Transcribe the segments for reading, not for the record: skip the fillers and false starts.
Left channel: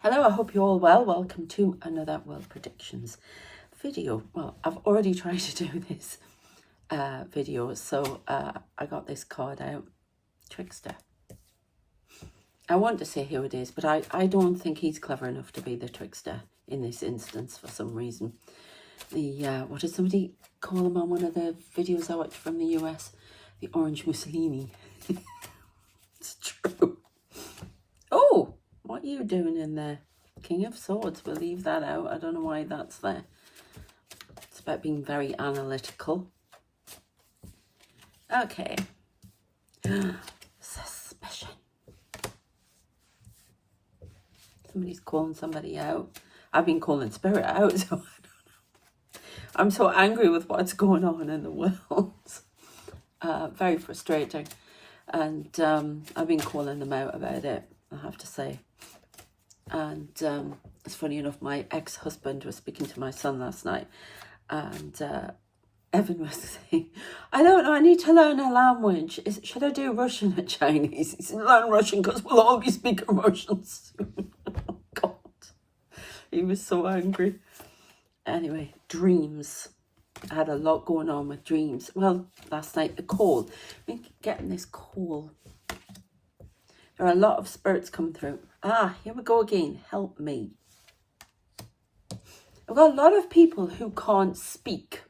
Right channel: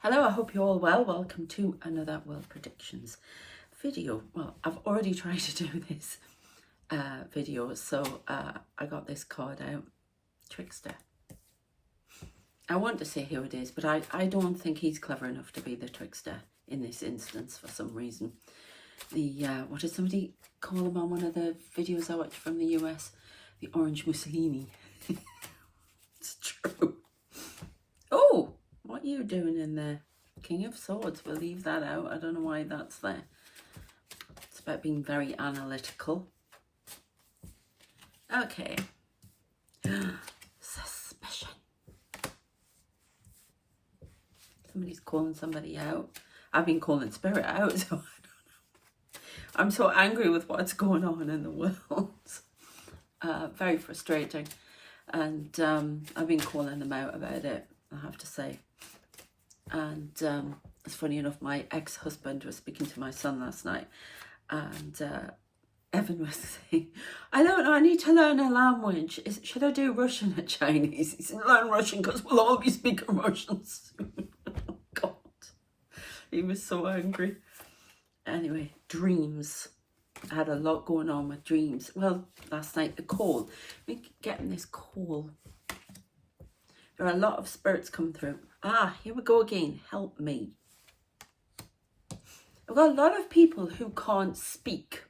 Hello, I hope you're all well. Welcome to another World Predictions video. Well, I've already tried to do this video, so I got this card out, Trickster. I want to say who it is, but I don't think he's clever enough to be the trickster in this instance for some reason. The, what did somebody call him on one of the videos I watched from the US? The Orange Mussolini. It's true. Oh! What are you doing in there? King of Swords, we'll leave that out. I don't know why that's there. It's about being very analytical. Okay. Suspicion. Somebody's calling somebody out. I've been calling Spirit out, so I don't know. I'm so angry with what's going on in the world. Very frustrating. And I've been calling them out about it, I have to say. And it's funny enough, my ex-husband was speaking to my son last night, and Evan was saying, I don't know, I need to learn a language. Should I do Russian or Chinese? He said, learn Russian because we'll all be speaking Russian soon. Oh, God. He was so angry. Anyway, dreams. I had a lot going on with dreams. Well, last night, the call. We're getting this call. There are a lot of spirits coming through. Ah, here we go again. Help me. I've got a lot of people who can't speak,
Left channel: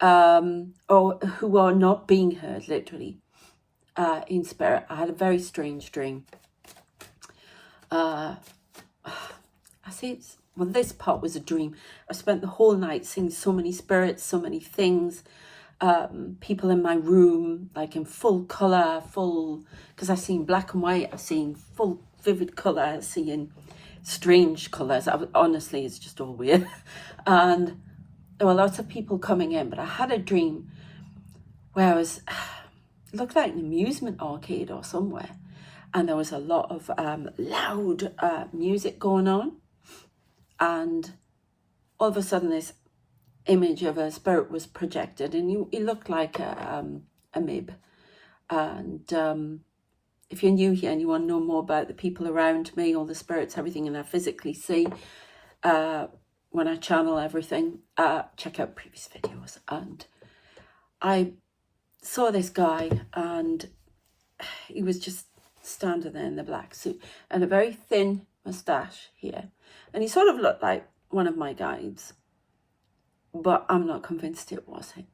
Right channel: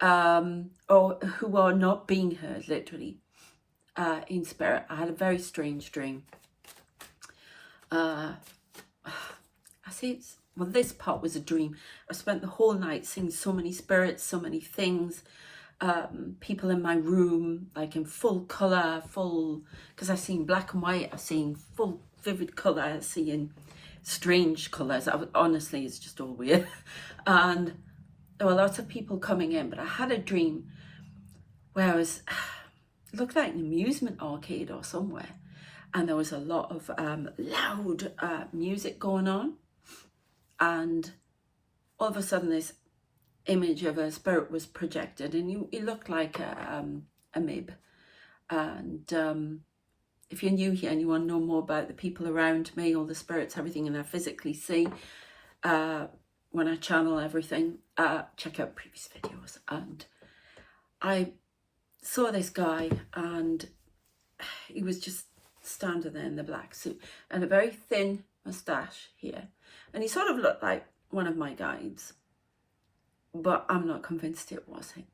or who are not being heard, literally, in spirit. I had a very strange dream. I say it's, well, this part was a dream. I spent the whole night seeing so many spirits, so many things. People in my room, like in full colour, because I've seen black and white, I've seen full vivid colour, I've seen strange colours. Honestly, it's just all weird. And there were lots of people coming in, but I had a dream where it looked like an amusement arcade or somewhere, and there was a lot of loud music going on, and all of a sudden this image of a spirit was projected, and it looked like a mib. And if you're new here and you want to know more about the people around me, all the spirits, everything, and I physically see when I channel everything, check out previous videos. And I saw this guy, and he was just standing there in the black suit and a very thin moustache here, and he sort of looked like one of my guides, but I'm not convinced it was him.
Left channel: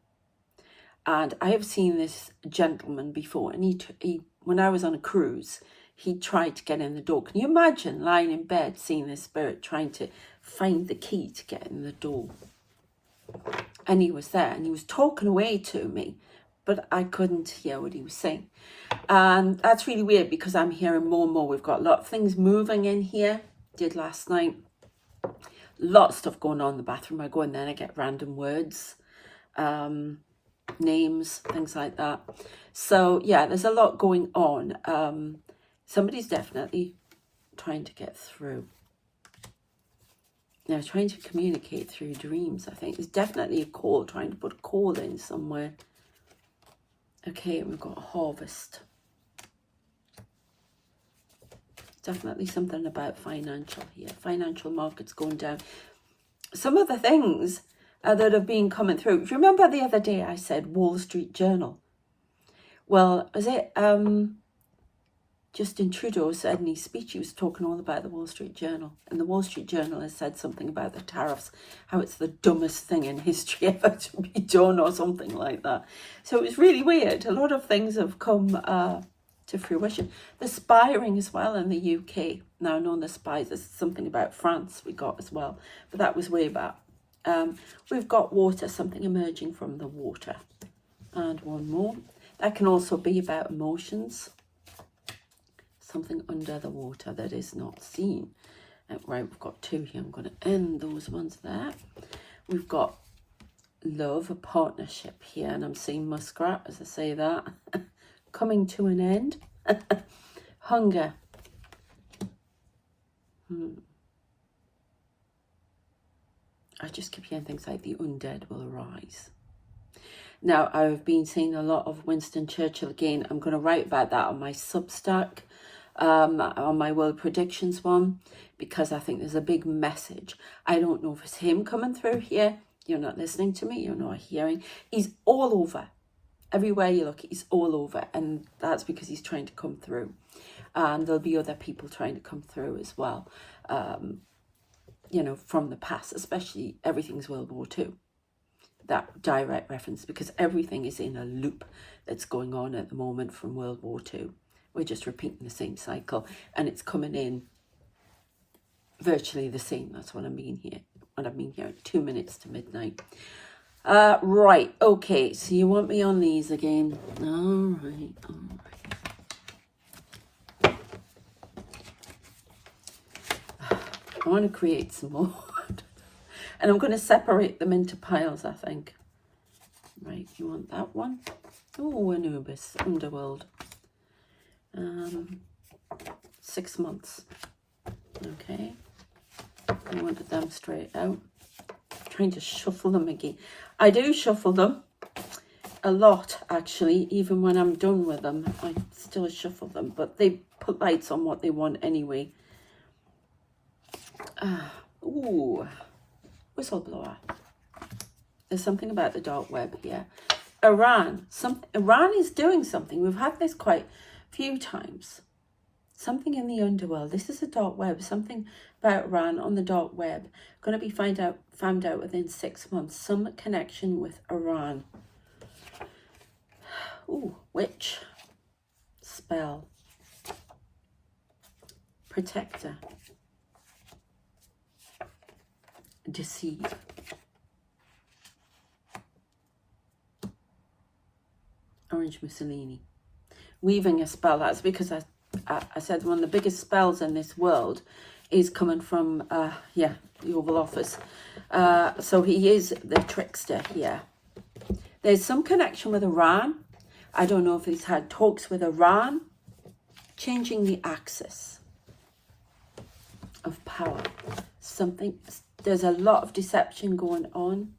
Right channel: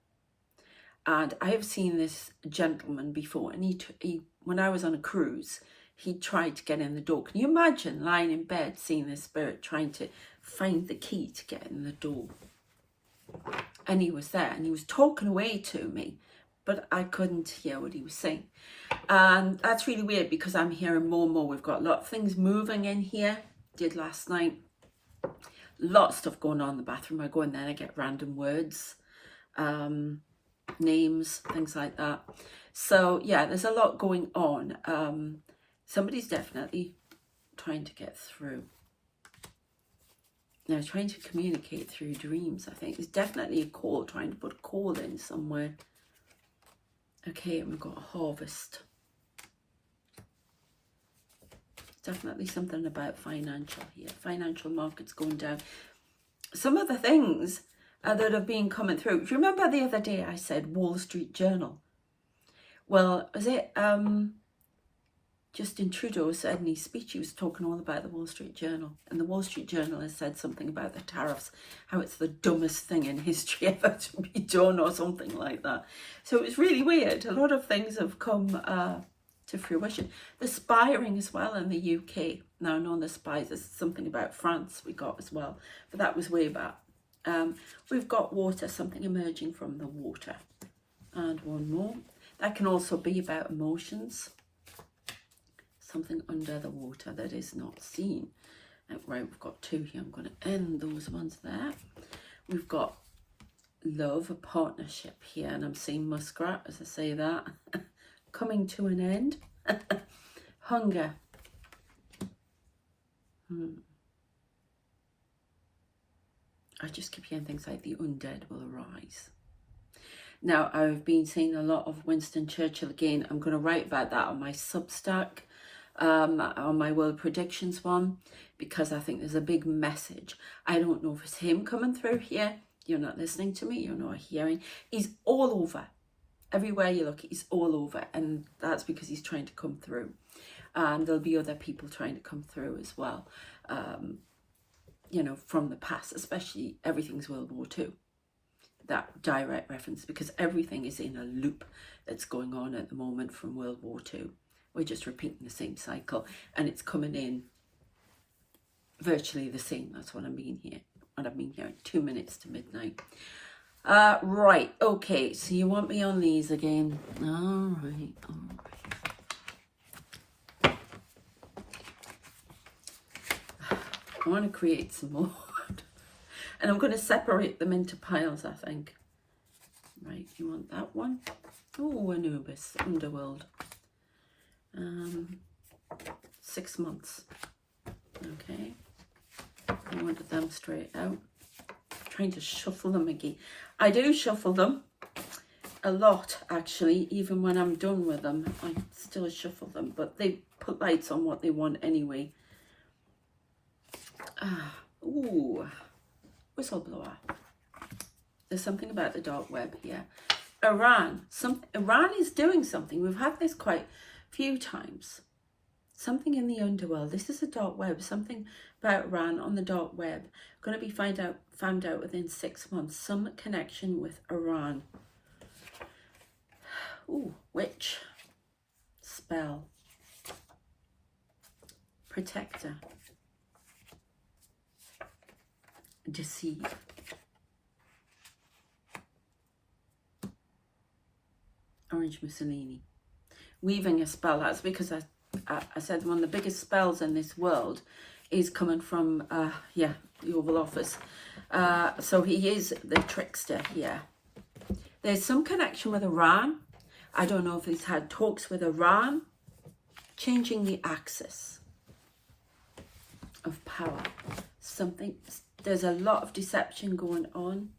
And I have seen this gentleman before, and he when I was on a cruise, he tried to get in the door. Can you imagine lying in bed, seeing this spirit trying to find the key to get in the door? And he was there, and he was talking away to me, but I couldn't hear what he was saying. And that's really weird, because I'm hearing more and more. We've got a lot of things moving in here. Did last night. Lot of stuff going on in the bathroom. I go in there and I get random words, names, things like that. So yeah, there's a lot going on. Somebody's definitely trying to get through. Now, trying to communicate through dreams, I think. There's definitely a call, trying to put a call in somewhere. Okay, and we've got a harvest. Definitely something about financial here. Financial markets going down. Some of the things that have been coming through. Do you remember the other day I said Wall Street Journal? Well, was it Justin Trudeau said in his speech, he was talking all about the Wall Street Journal. And the Wall Street Journal has said something about the tariffs, how it's the dumbest thing in history ever to be done, or something like that. So it was really weird. A lot of things have come to fruition. The spying as well in the UK. Now, I know the spies, there's something about France we got as well, but that was way back. We've got water, something emerging from the water. And one more. That can also be about emotions. Something under the water that is not seen. Right, we've got two here. I'm going to end those ones there. We've got love, a partnership here, and I'm seeing muskrat as I say that. Coming to an end. Hunger. I just keep hearing things like the undead will arise. Now, I've been seeing a lot of Winston Churchill again. I'm going to write about that on my Substack. on my world predictions one, because I think there's a big message. I don't know if it's him coming through here. You're not listening to me. You're not hearing. He's all over. Everywhere you look, he's all over. And that's because he's trying to come through. And there'll be other people trying to come through as well. You know, from the past, especially everything's World War II. That direct reference, because everything is in a loop that's going on at the moment from World War II. We're just repeating the same cycle, and it's coming in virtually the same. That's what I mean here. 2 minutes to midnight. Right, okay, so you want me on these again. All right. I want to create some more. And I'm going to separate them into piles, I think. Right, you want that one? Oh, Anubis, Underworld. 6 months. Okay. I wanted them straight out. I'm trying to shuffle them again. I do shuffle them a lot, actually. Even when I'm done with them, I still shuffle them. But they put lights on what they want anyway. Ooh. Whistleblower. There's something about the dark web here. Iran. Iran is doing something. We've had this quite a few times. Something in the underworld. This is a dark web. Something about Iran on the dark web. Going to be found out within 6 months. Some connection with Iran. Ooh, witch. Spell. Protector. Deceive. Orange Mussolini. Weaving a spell. That's because I said one of the biggest spells in this world is coming from, the Oval Office. So he is the trickster here. There's some connection with Iran. I don't know if he's had talks with Iran. Changing the axis of power. There's a lot of deception going on.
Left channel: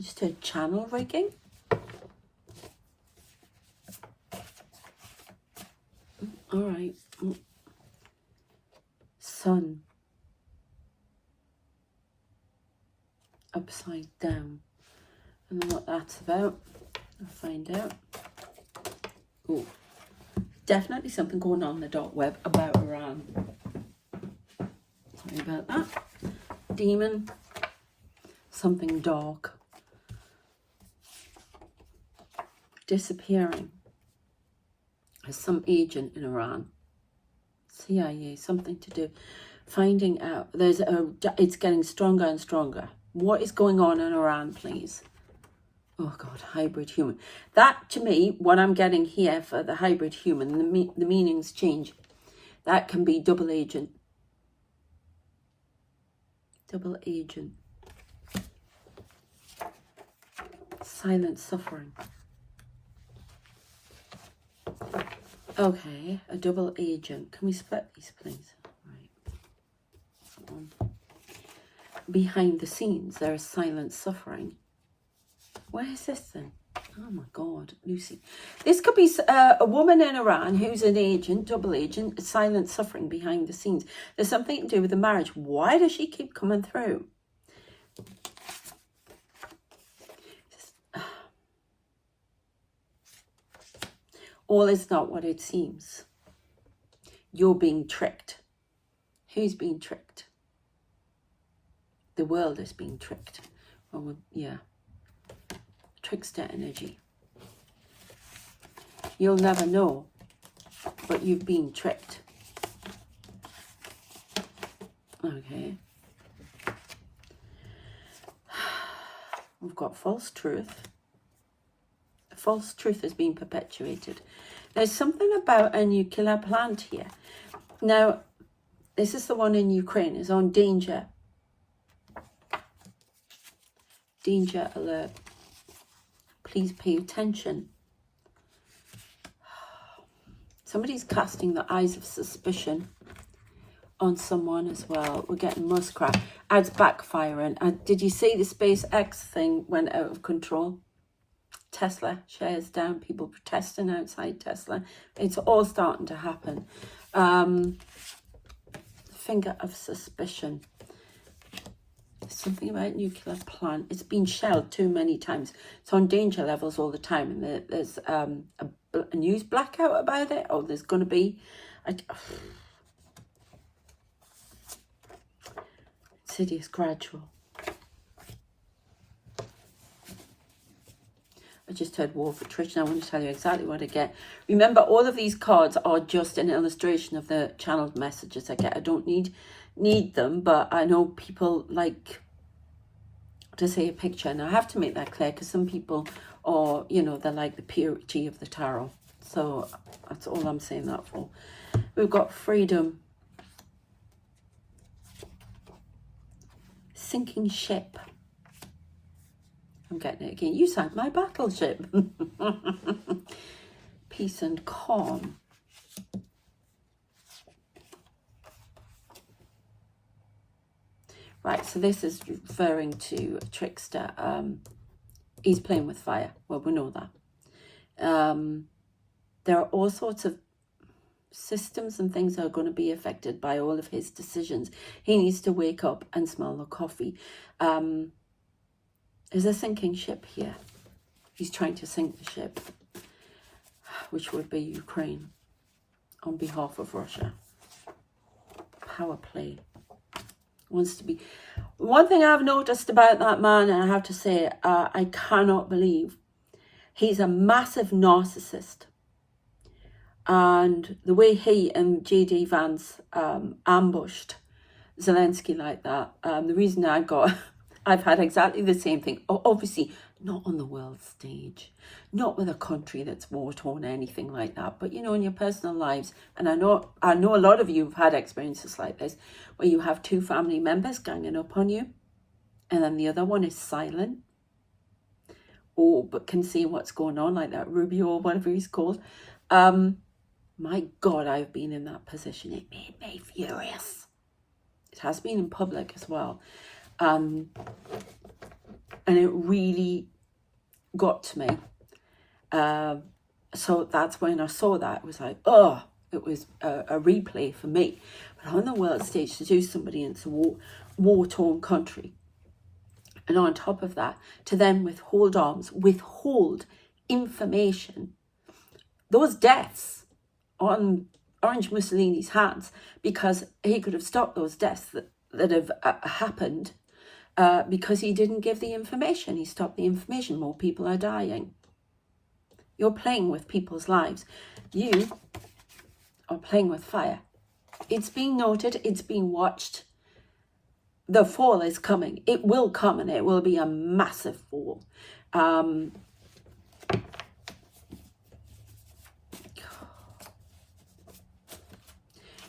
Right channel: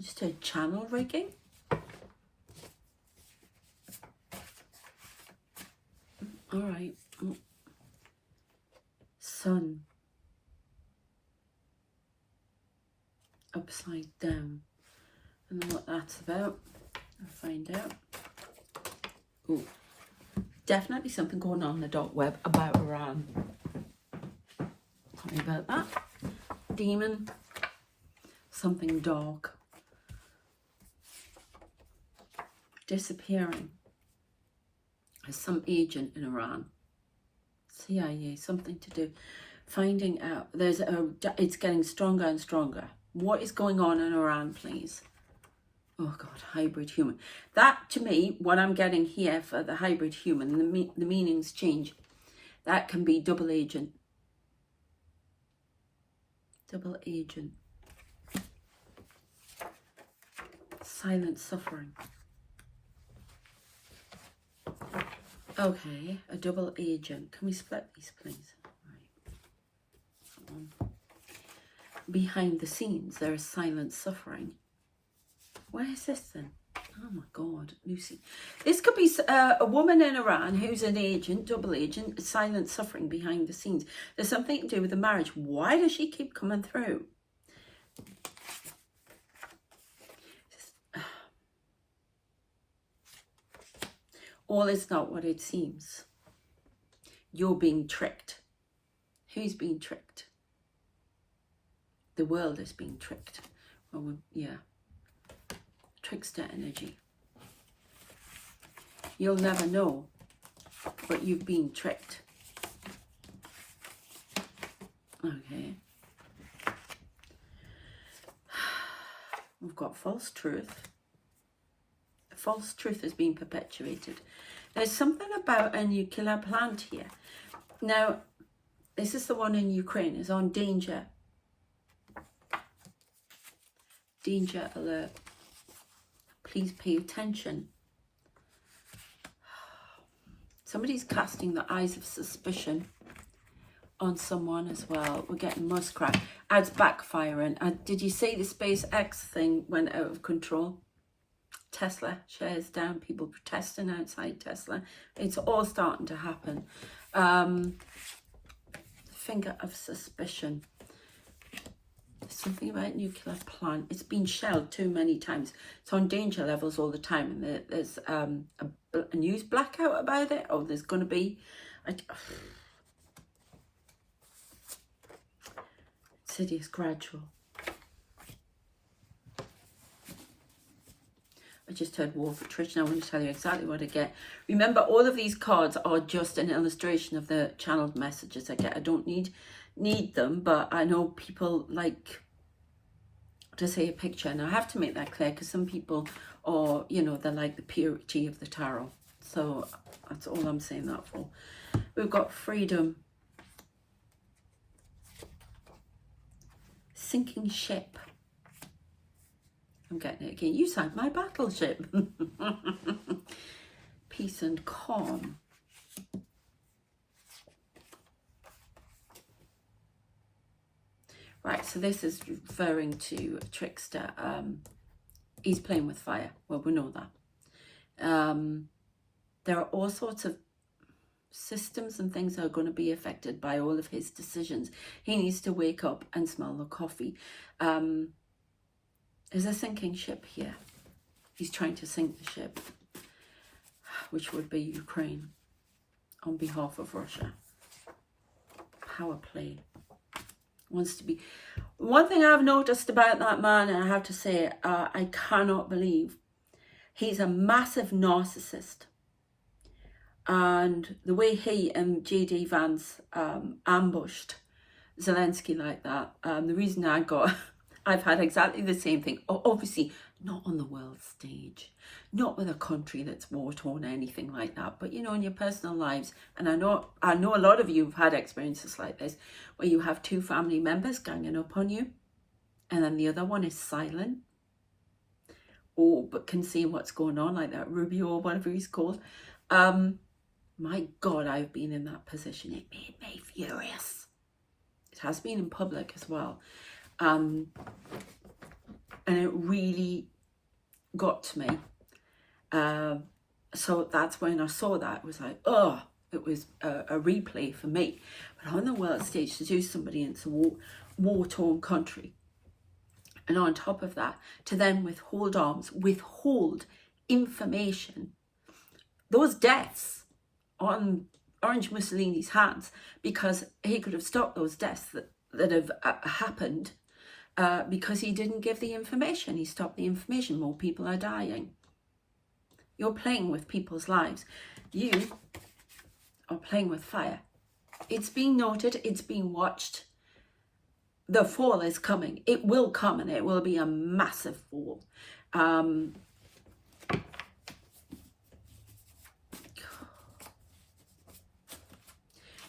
Just a channel rigging. All right. Sun. Upside down. I don't know what that's about. I'll find out. Oh, definitely something going on in the dark web about Iran. Sorry about that. Demon. Something dark. Disappearing. As some agent in Iran. CIA, something to do. Finding out. It's getting stronger and stronger. What is going on in Iran, please? Oh God, hybrid human. That, to me, what I'm getting here for the hybrid human, the meanings change. That can be double agent. Double agent. Silent suffering. Okay, a double agent. Can we split these, please? Right. Behind the scenes, there is silent suffering. Where is this then? Oh my God, Lucy. This could be a woman in Iran who's an agent, double agent, silent suffering behind the scenes. There's something to do with the marriage. Why does she keep coming through? All is not what it seems. You're being tricked. Who's being tricked? The world is being tricked. Well, yeah. Trickster energy. You'll never know, but you've been tricked. Okay. We've got false truth. False truth has been perpetuated. There's something about a nuclear plant here. Now, this is the one in Ukraine. It's on danger. Danger alert. Please pay attention. Somebody's casting the eyes of suspicion on someone as well. We're getting muskrat. Ads backfiring. Did you see the SpaceX thing went out of control? Tesla shares down, people protesting outside Tesla. It's all starting to happen. Finger of suspicion. Something about nuclear plant. It's been shelled too many times. It's on danger levels all the time, and there's a news blackout about it. Oh, there's going to be. Insidious, gradual. I just heard War for Trish, and I want to tell you exactly what I get. Remember, all of these cards are just an illustration of the channeled messages I get. I don't need them, but I know people like to say a picture, and I have to make that clear because some people are, you know, they're like the purity of the tarot. So that's all I'm saying that for. We've got freedom. Sinking ship. I'm getting it again. You sank my battleship. Peace and calm. Right, so this is referring to Trickster. He's playing with fire. Well, we know that. There are all sorts of systems and things that are going to be affected by all of his decisions. He needs to wake up and smell the coffee. There's a sinking ship here. He's trying to sink the ship, which would be Ukraine, on behalf of Russia. Power play. Wants to be. One thing I've noticed about that man, and I have to say, I cannot believe, he's a massive narcissist. And the way he and J.D. Vance ambushed Zelensky like that, the reason I've had exactly the same thing. Obviously, not on the world stage, not with a country that's war-torn or anything like that. But, you know, in your personal lives, and I know a lot of you have had experiences like this, where you have two family members ganging up on you, and then the other one is silent, but can see what's going on, like that Rubio or whatever he's called. My God, I've been in that position. It made me furious. It has been in public as well. And it really got to me. So that's when I saw that. It was like, oh, it was a replay for me. But on the world stage, to do somebody into a war-torn country, and on top of that, to then withhold arms, withhold information, those deaths on Orange Mussolini's hands, because he could have stopped those deaths that have happened because he didn't give the information. He stopped the information. More people are dying. You're playing with people's lives. You are playing with fire. It's being noted. It's being watched. The fall is coming. It will come, and it will be a massive fall.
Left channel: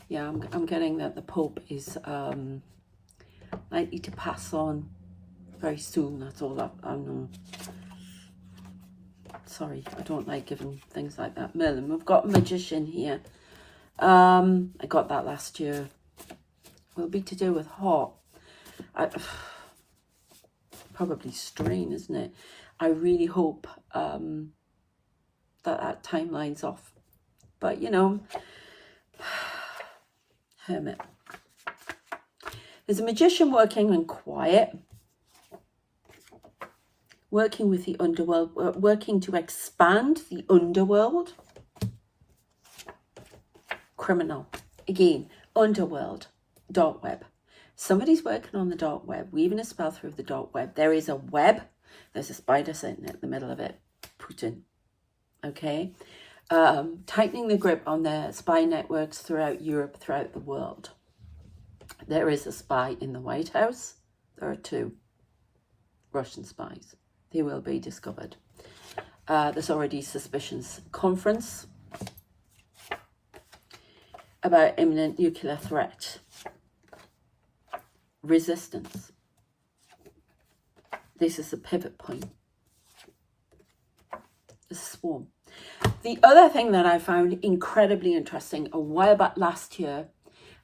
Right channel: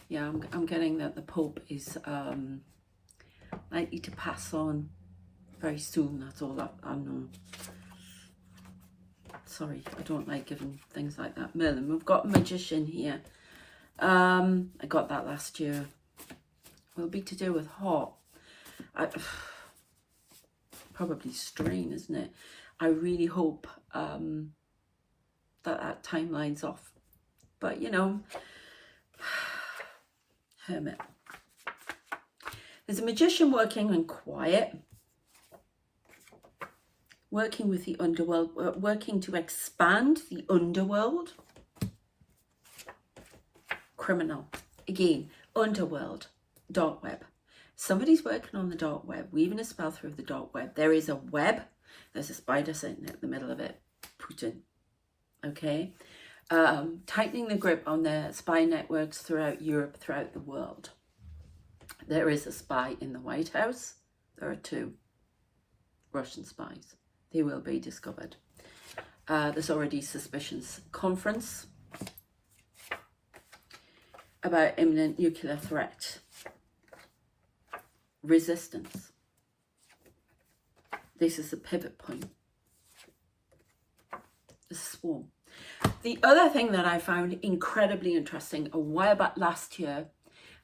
Yeah, I'm getting that the Pope is likely to pass on very soon. That's all I know. Sorry, I don't like giving things like that. Merlin, we've got a magician here. I got that last year. Will be to do with heart. Probably strain, isn't it? I really hope that timeline's off. But, you know, Hermit. There's a magician working in quiet, working with the underworld, working to expand the underworld. Criminal. Again, underworld, dark web. Somebody's working on the dark web, weaving a spell through the dark web. There is a web. There's a spider sitting in the middle of it. Putin. Okay? Tightening the grip on their spy networks throughout Europe, throughout the world. There is a spy in the White House. There are 2 Russian spies. They will be discovered. There's already suspicions. Conference about imminent nuclear threat. Resistance. This is a pivot point. The swarm. The other thing that I found incredibly interesting a while back last year,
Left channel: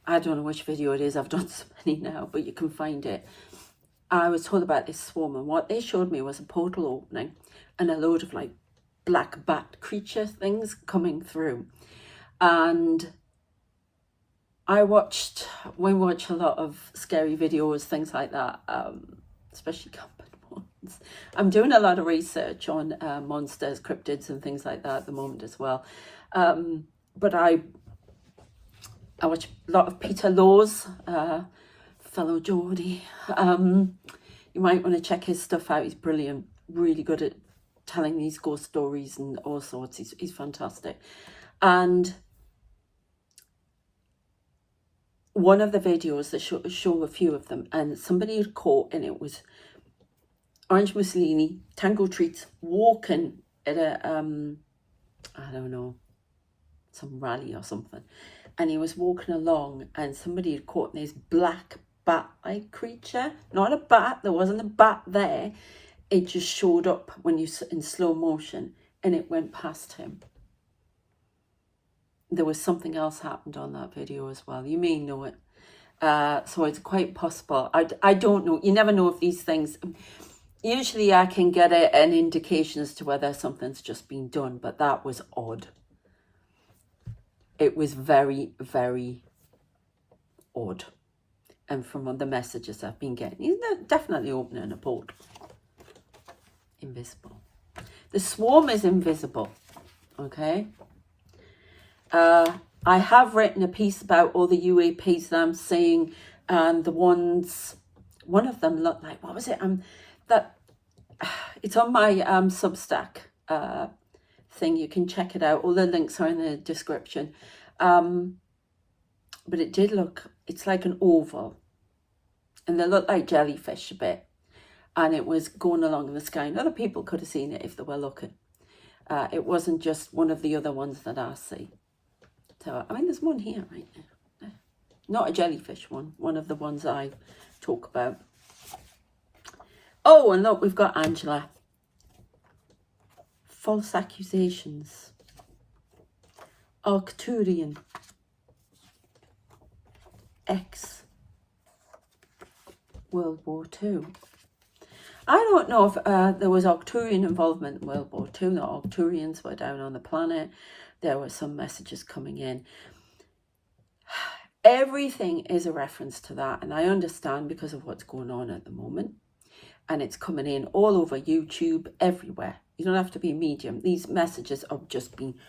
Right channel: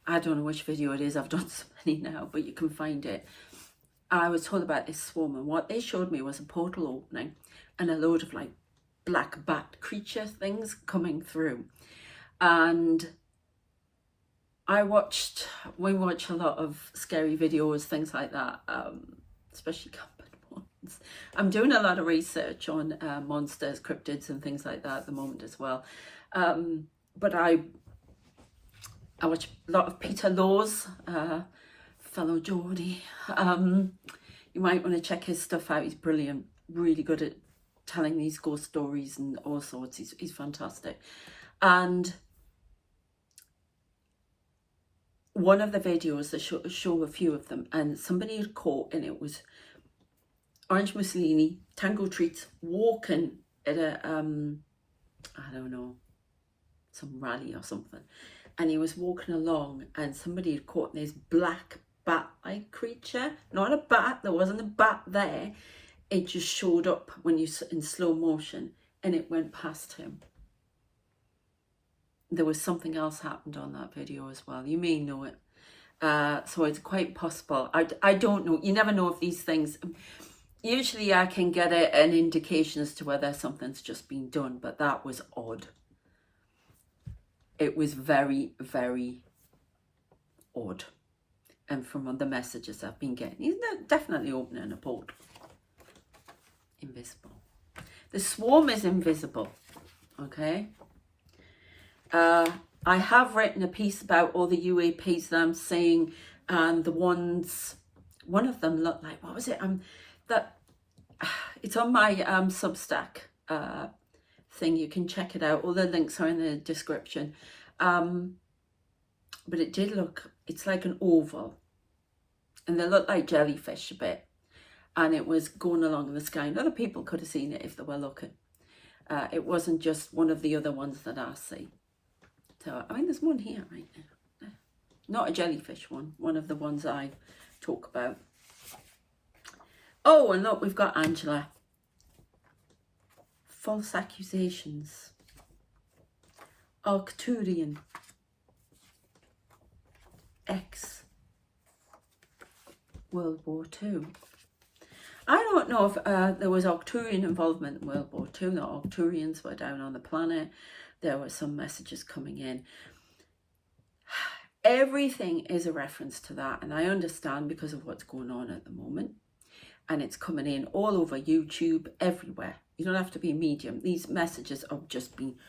I don't know which video it is, I've done so many now, but you can find it. I was told about this swarm, and what they showed me was a portal opening and a load of like black bat creature things coming through. And we watch a lot of scary videos, things like that, especially camping ones. I'm doing a lot of research on monsters, cryptids and things like that at the moment as well. But I watch a lot of Peter Law's, fellow Geordie. You might want to check his stuff out. He's brilliant, really good at telling these ghost stories and all sorts. He's fantastic. And one of the videos, they show a few of them, and somebody had caught, and it was Orange Mussolini, Tango Treats, walking at a, I don't know, some rally or something. And he was walking along, and somebody had caught this black bat-like creature. Not a bat, there wasn't a bat there. It just showed up when you in slow motion, and it went past him. There was something else happened on that video as well. You may know it. So it's quite possible. I don't know. You never know if these things... Usually I can get an indication as to whether something's just been done, but that was odd. It was very, very odd. And from the messages I've been getting, he's definitely opening a portal. Invisible. The swarm is invisible, okay? I have written a piece about all the UAPs that I'm seeing, and the ones, one of them looked like, what was it? It's on my Substack thing. You can check it out. All the links are in the description. But it did look, it's like an oval, and they look like jellyfish a bit, and it was going along in the sky, and other people could have seen it if they were looking. It wasn't just one of the other ones that I see. So, I mean, there's one here right now. Not a jellyfish one. One of the ones I talk about. Oh, and look, we've got Angela. False accusations. Arcturian. X. World War II. I don't know if there was Arcturian involvement in World War II. The Arcturians were down on the planet. There were some messages coming in. Everything is a reference to that, and I understand because of what's going on at the moment. And it's coming in all over YouTube, everywhere. You don't have to be a medium. These messages are just being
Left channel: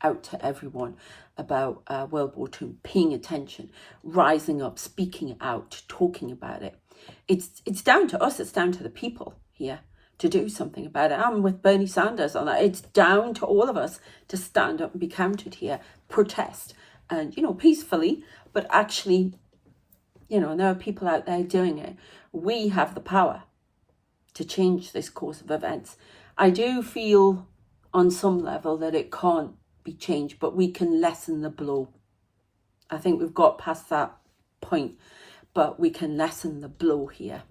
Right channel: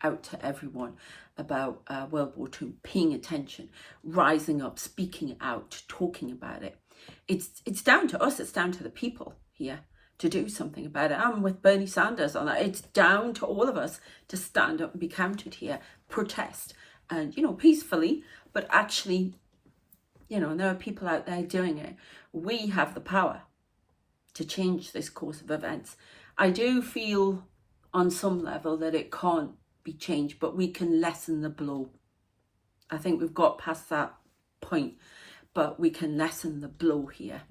out to everyone about World War II, paying attention, rising up, speaking out, talking about it. It's down to us. It's down to the people here to do something about it. I'm with Bernie Sanders on that. It's down to all of us to stand up and be counted here, protest, and, you know, peacefully, but actually, you know, there are people out there doing it. We have the power to change this course of events. I do feel on some level that it can't be changed, but we can lessen the blow. I think we've got past that point, but we can lessen the blow here.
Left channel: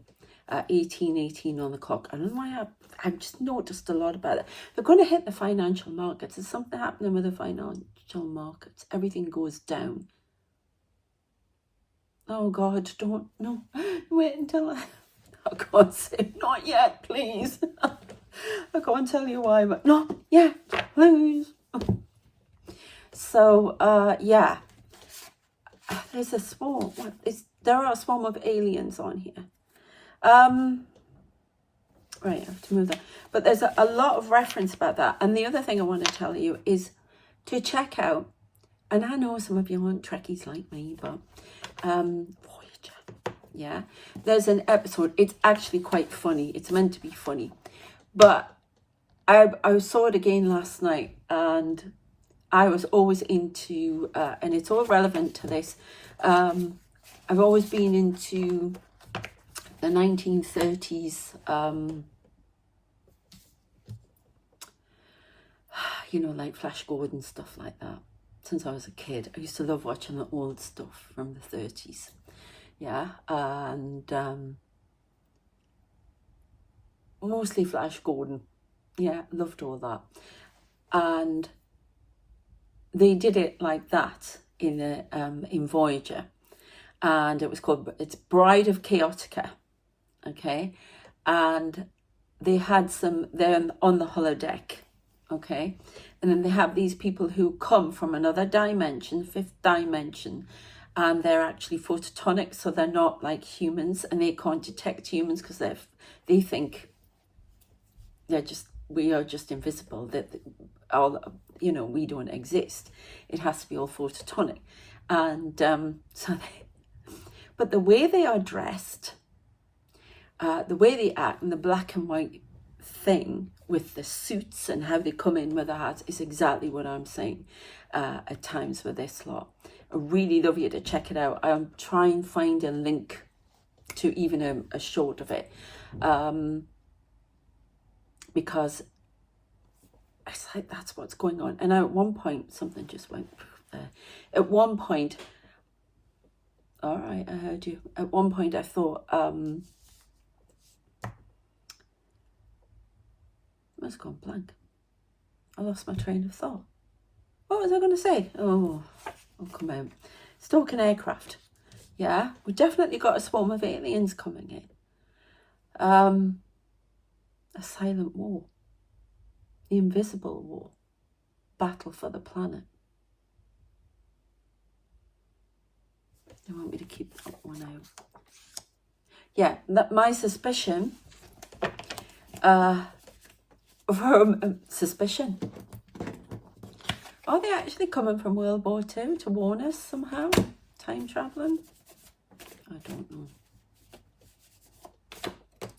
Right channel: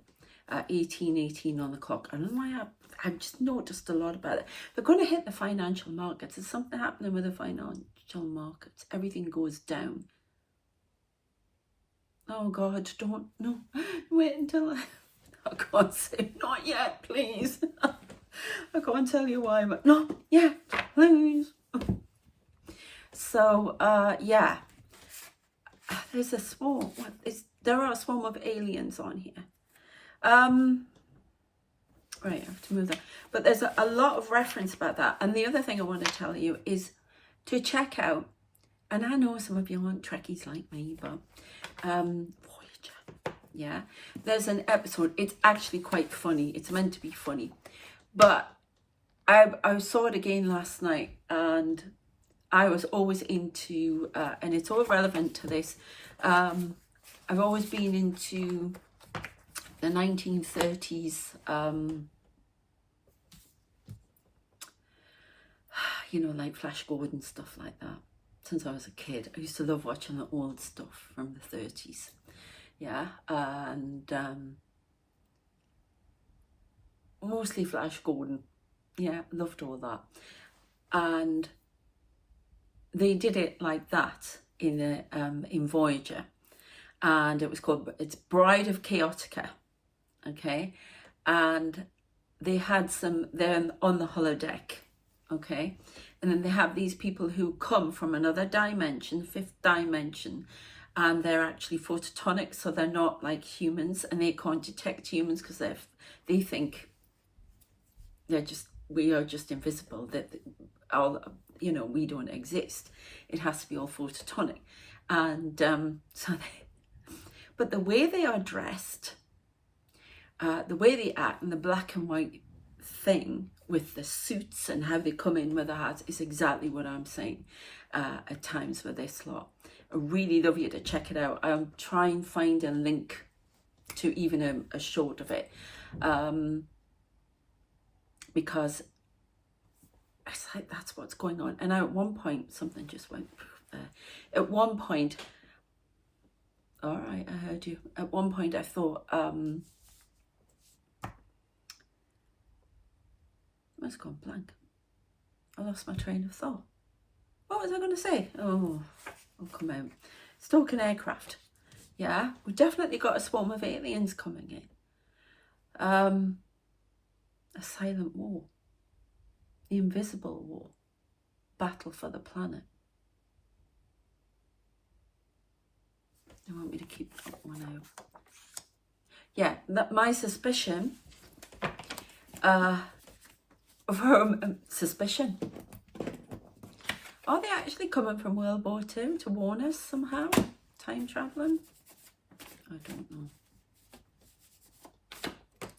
1818 on the clock. I don't know why I've just noticed a lot about it. They're going to hit the financial markets. There's something happening with the financial markets. Everything goes down. Oh God, don't, no, wait until I can't say, not yet, please. I can't tell you why, but not yet, please. So, yeah, there's a swarm. There are a swarm of aliens on here. Right, I have to move that. But there's a lot of reference about that. And the other thing I want to tell you is to check out, and I know some of you aren't Trekkies like me, but Voyager, yeah. There's an episode, it's actually quite funny. It's meant to be funny. But I saw it again last night, and I was always into, and it's all relevant to this, I've always been into the 1930s, you know, like Flash Gordon, stuff like that. Since I was a kid, I used to love watching the old stuff from the 30s. Yeah, and mostly Flash Gordon. Yeah, loved all that. And they did it like that in Voyager. and it's Bride of Chaotica, okay, and they had they're on the holodeck, okay, and then they have these people who come from another dimension, fifth dimension, and they're actually photonic, so they're not like humans, and they can't detect humans because they think we are just invisible, that all, we don't exist. It has to be all photonic, and but the way they are dressed, the way they act, and the black and white thing with the suits and how they come in with the hats is exactly what I'm saying at times with this lot. I really love you to check it out. I'll try and find a link to even a short of it, because it's like that's what's going on. And at one point, something just went there. At one point, all right, I heard you. At one point, I thought, it's gone blank. I lost my train of thought. What was I going to say? Oh, come out. Stalking aircraft. Yeah, we definitely got a swarm of aliens coming in. A silent war. The invisible war. Battle for the planet. They want me to keep that one out. Yeah, my suspicion, suspicion. Are they actually coming from World War II to warn us somehow? Time traveling? I don't know.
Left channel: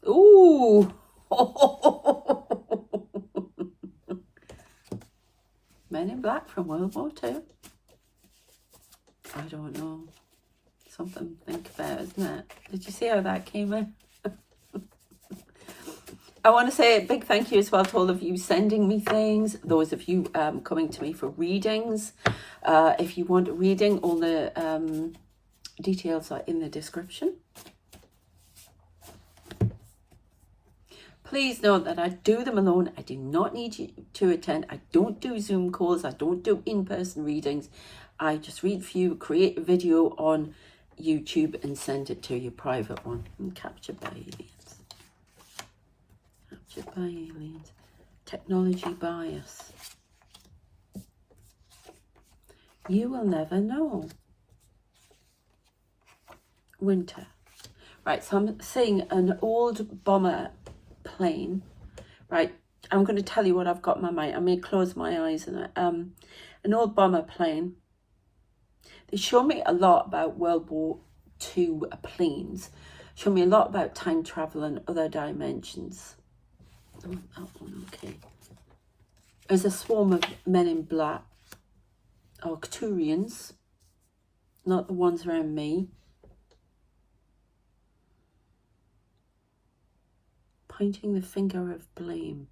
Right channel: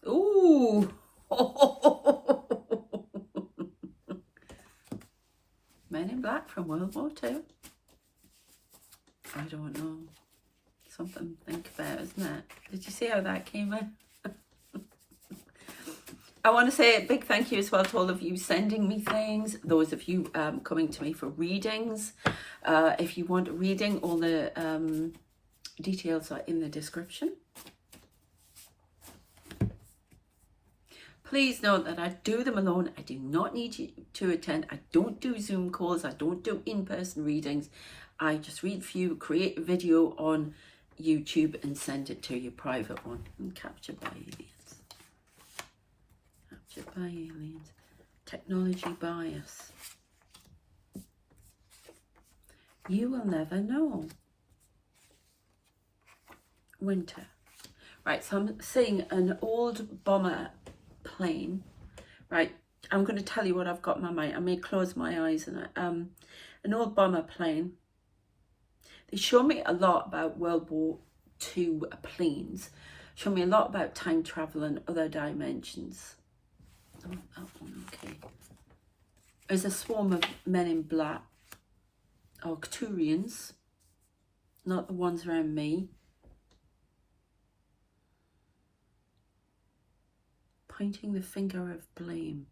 Ooh! Men in Black from World War II? I don't know. Something to think about, isn't it? Did you see how that came in? I want to say a big thank you as well to all of you sending me things, those of you coming to me for readings. If you want a reading, all the details are in the description. Please note that I do them alone. I do not need you to attend. I don't do Zoom calls. I don't do in-person readings. I just read for you, create a video on YouTube and send it to your private one. And captured by aliens. Captured by aliens. Technology bias. You will never know. Winter. Right, so I'm seeing an old bomber plane. Right, I'm going to tell you what I've got in my mind. I may close my eyes and an old bomber plane. They show me a lot about World War II planes. Show me a lot about time travel and other dimensions. Oh, that one, okay. There's a swarm of men in black. Arcturians. Not the ones around me. Pointing the finger of blame.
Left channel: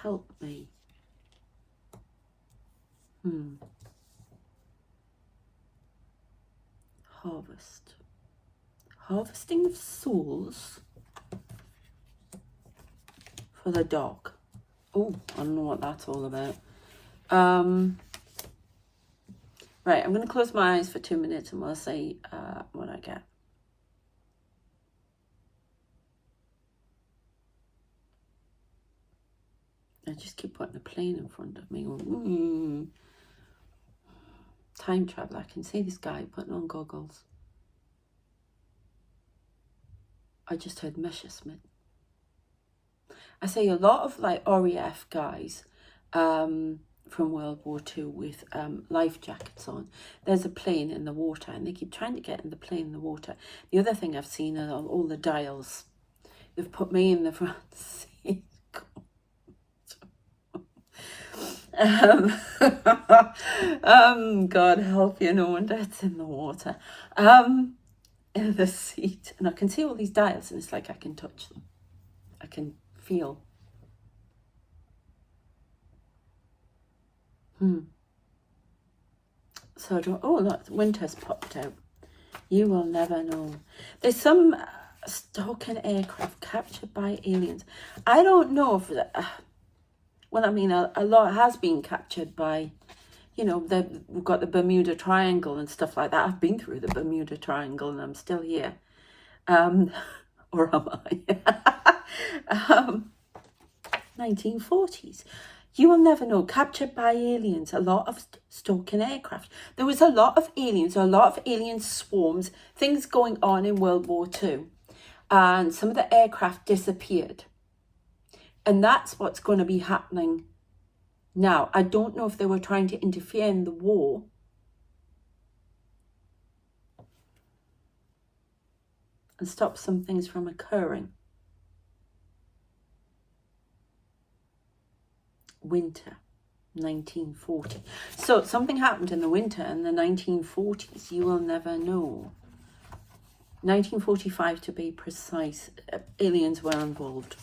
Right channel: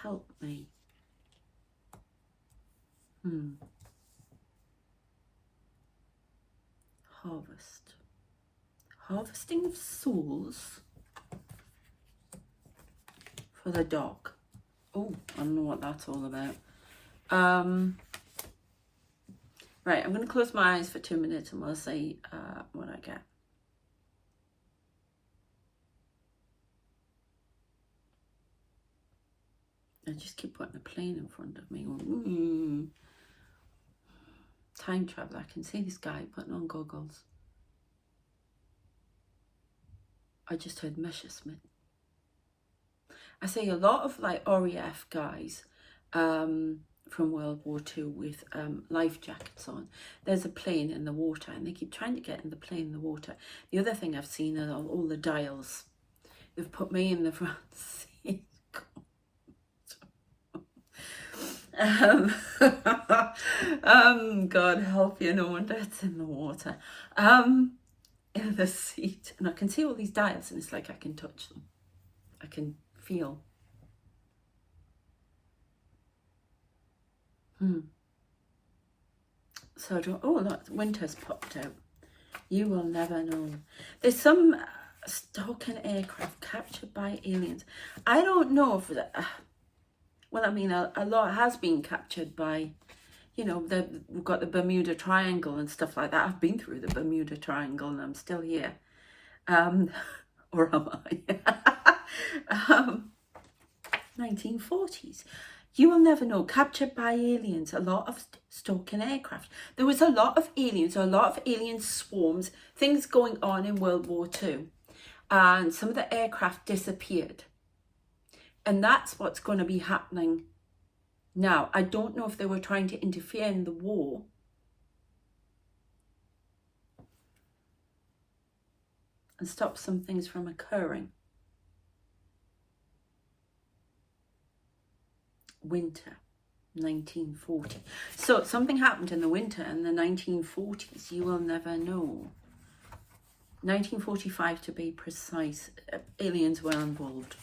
Help me. Harvest. Harvesting of souls for the dog. Oh, I don't know what that's all about. Right, I'm going to close my eyes for 2 minutes and we'll see what I get. I just keep putting a plane in front of me. Going, Time travel. I can see this guy putting on goggles. I just heard Messerschmitt. I see a lot of like RAF guys from World War II with life jackets on. There's a plane in the water and they keep trying to get in the plane in the water. The other thing I've seen are all the dials. They've put me in the front seat. God help you, no wonder it's in the water. In the seat, and I can see all these dials and it's like I can touch them. I can feel. So I don't, oh look, winter's popped out. You will never know. There's some Stalking aircraft captured by aliens. I don't know if, well, I mean, a lot has been captured by, you know, we've got the Bermuda Triangle and stuff like that. I've been through the Bermuda Triangle and I'm still here. Or am I? 1940s. You will never know. Captured by aliens. A lot of stalking aircraft. There was a lot of aliens, a lot of alien swarms, things going on in World War II. And some of the aircraft disappeared. And that's what's going to be happening now. I don't know if they were trying to interfere in the war. And stop some things from occurring. Winter, 1940. So something happened in the winter in the 1940s. You will never know. 1945 to be precise. Aliens were involved.